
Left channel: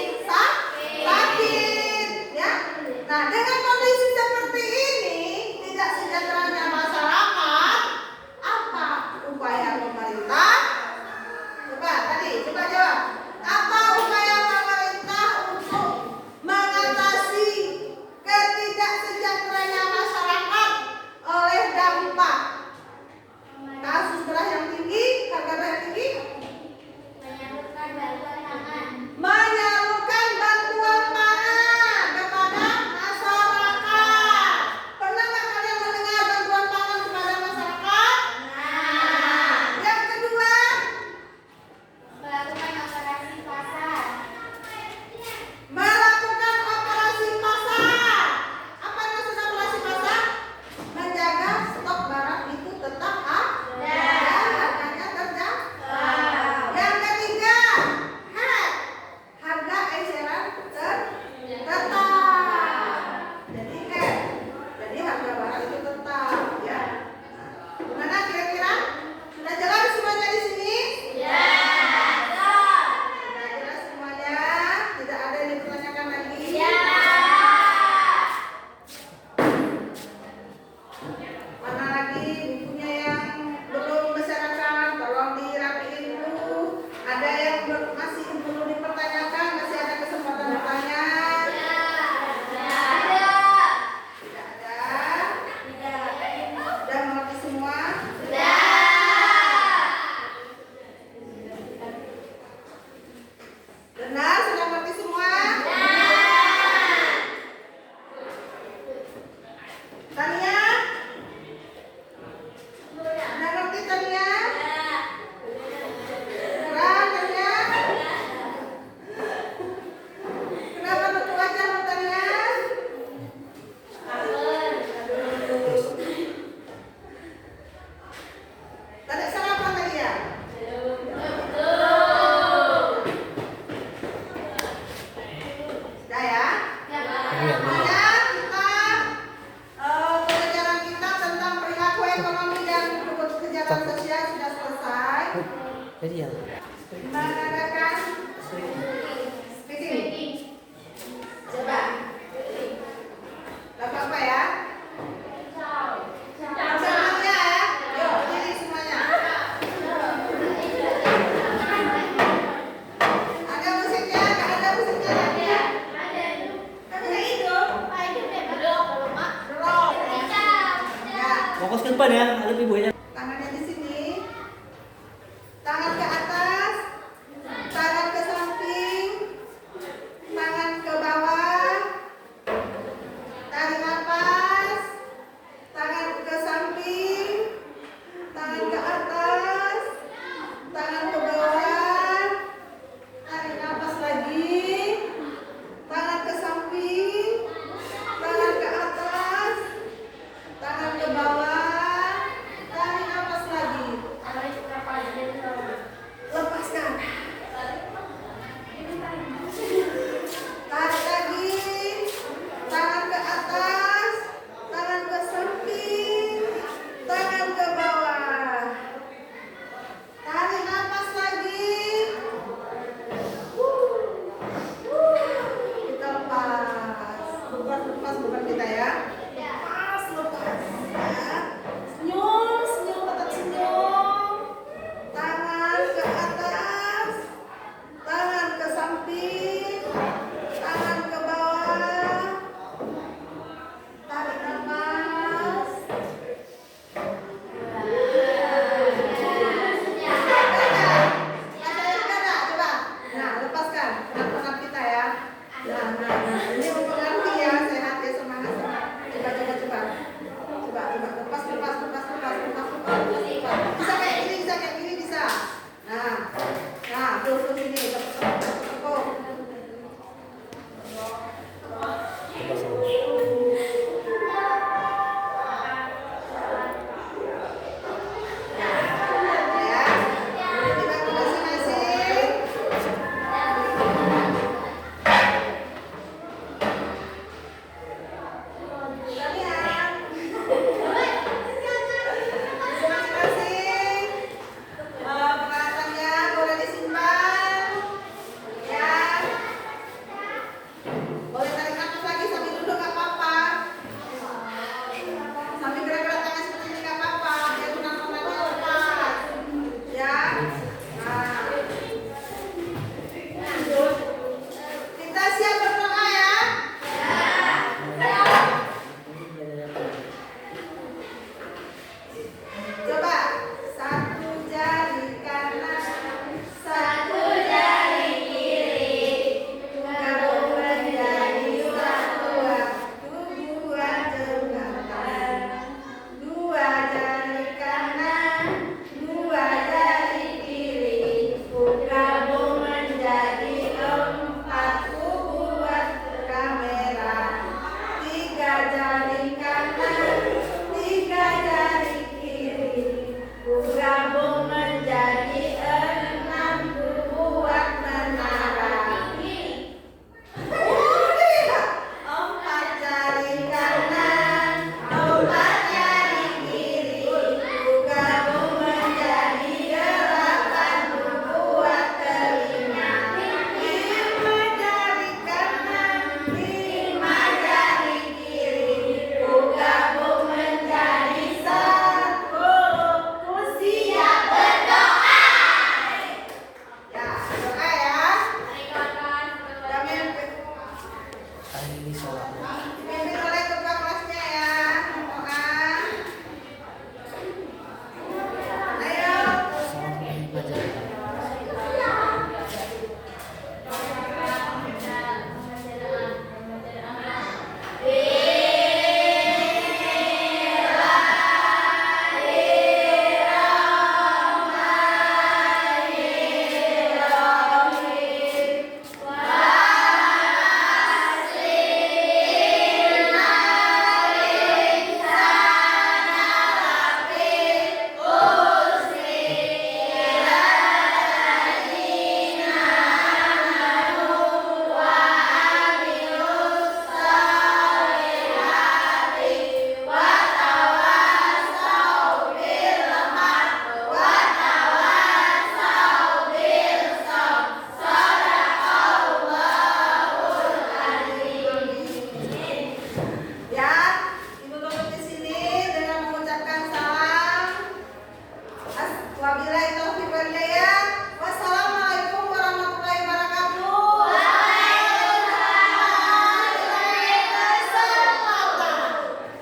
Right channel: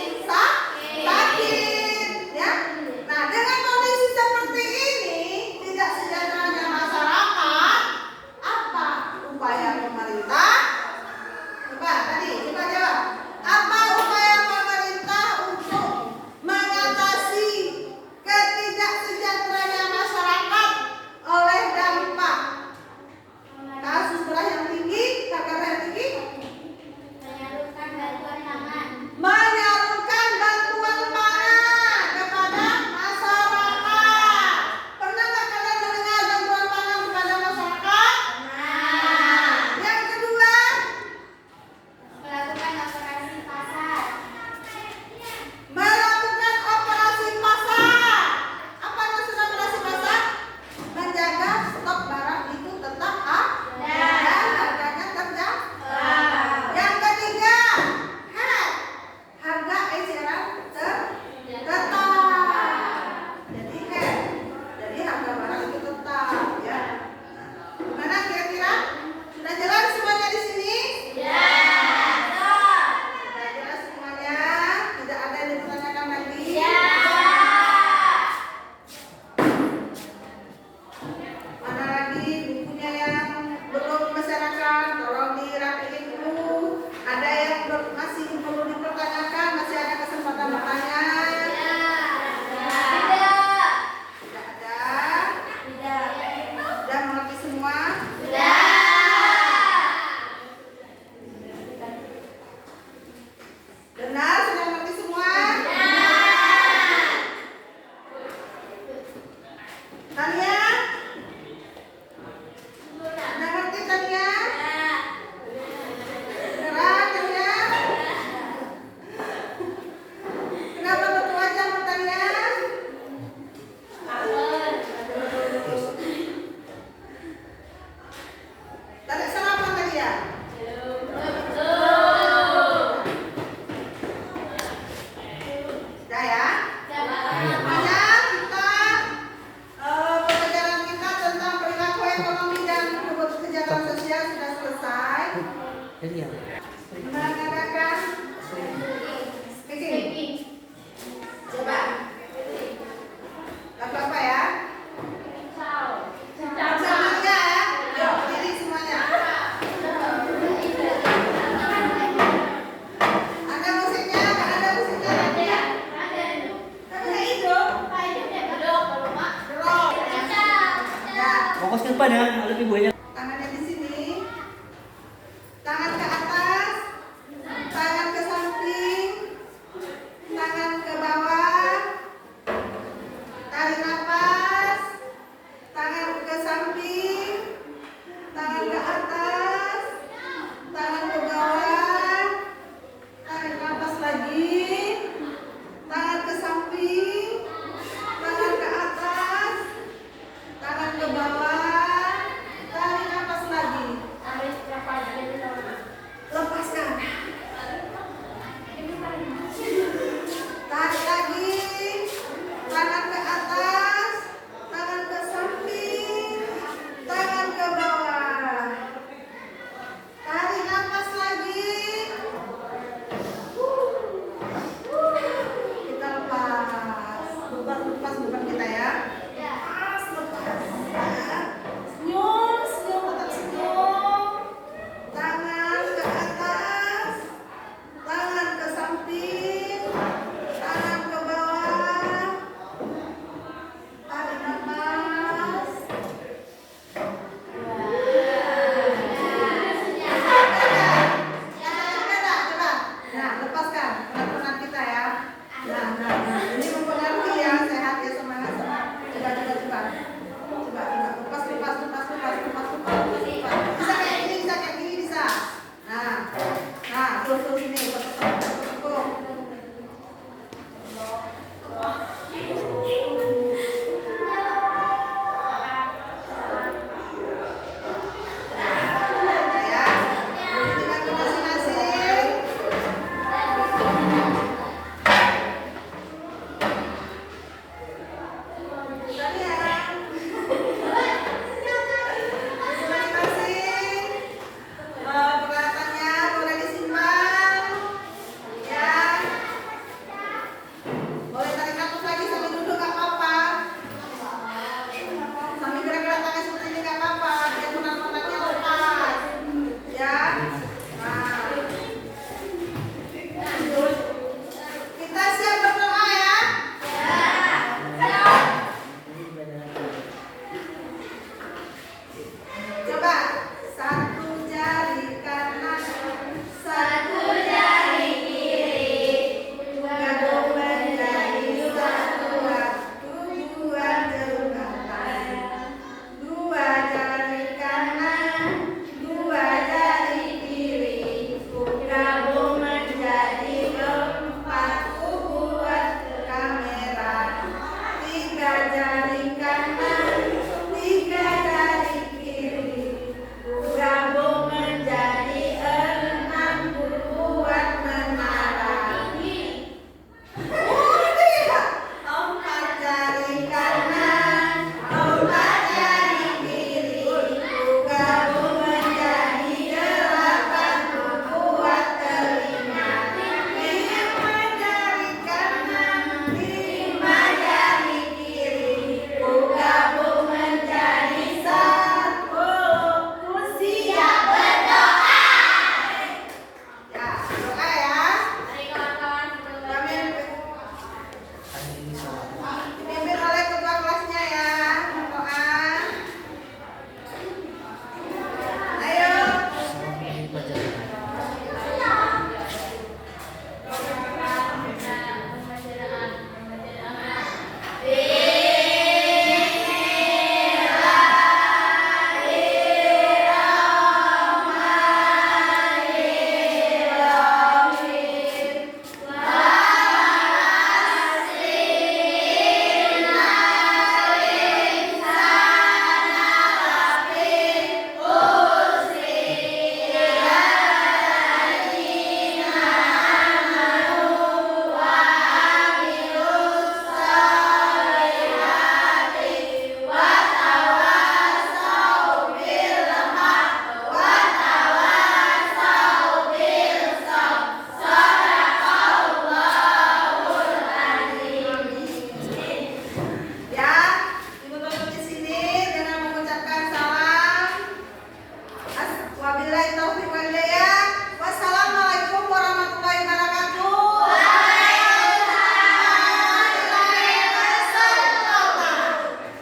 sakit, ya. Nah, dengan kondisi seperti ini, tidak sejahteranya masyarakat, apa upaya pemerintah? Coba jawab. Apa upaya pemerintah untuk mengatasi ketidaksejahteranya masyarakat oleh dampak kasus beras yang tinggi, harga beras yang tinggi? Menyalurkan bantuan pangan. Menyalurkan bantuan pangan kepada masyarakat. Pernah nggak kalian mendengar bantuan pangan kepada masyarakat? Yang kedua, Melakukan operasi pasar. melakukan operasi pasar. Apa maksud operasi pasar? Menjaga stok barang itu tetap ada dan harganya terjangkau. Yang ketiga, harga eceran tetap. Jadi harga barang itu tetap, ya. Gimana kira-kira? Sudah jelas semuanya di sini? Sudah jelas semuanya? Tidak ada yang dipertanyakan lagi? Mana lagi bukunya yang belum dimasyarakat? Tolong dirapiin dulu. Ada yang masih perlu dipertanyakan? Masih ada kesempatan bertanya? Tidak ada? Sudah mengerti semua? Benar? Sudah mengerti semua? Tania? Sudah ngerti Tania? Beneran Tania? Kenapa betul aja Bu Tania? Tadi salah apa tadi ya? Sudah ya? Makanya kita pelajaran kita tentang perilaku ekonomi dan kejahatan sosial sudah selesai. Mengadakan speaking. Coba. Lagu apa ya? Semuanya ya. Yuk, berdiri semuanya. Ada musiknya? Nggak ada musiknya? Tapi nggak hidup. Belum. Ya. Fokus ke depan ya, ada ibunya. Tangannya di sini, tangan ke atas, tangan ke samping, tangan ke bawah, tarik nafas, tangan ke samping, tangan ke atas, tangan ke bawah, tarik nafas lagi, tangan ke samping, tangan ke atas, tangan ke bawah, tarik nafas lagi. Lepaskan. Tarik lagi. Tangan ke atas, tangan ke samping, tangan ke bawah. Tarik nafas lagi. Kita lepas. Lepas beban kita ya. Lepas. Ya. Senyum, tetap senyum. Tangan ke atas, tangan ke samping, tangan ke bawah. Tarik nafas. Coba. Nah, lepaskan penat-penat kita ya. Nah. Ini mempengaruhi ya, sehat ya, semangat. Coba. Lepas.